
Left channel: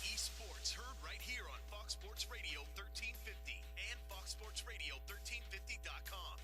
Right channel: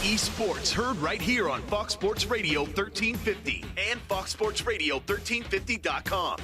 IE Sports, heard right here on Fox Sports Radio 1350 and foxsportsradio1350.com.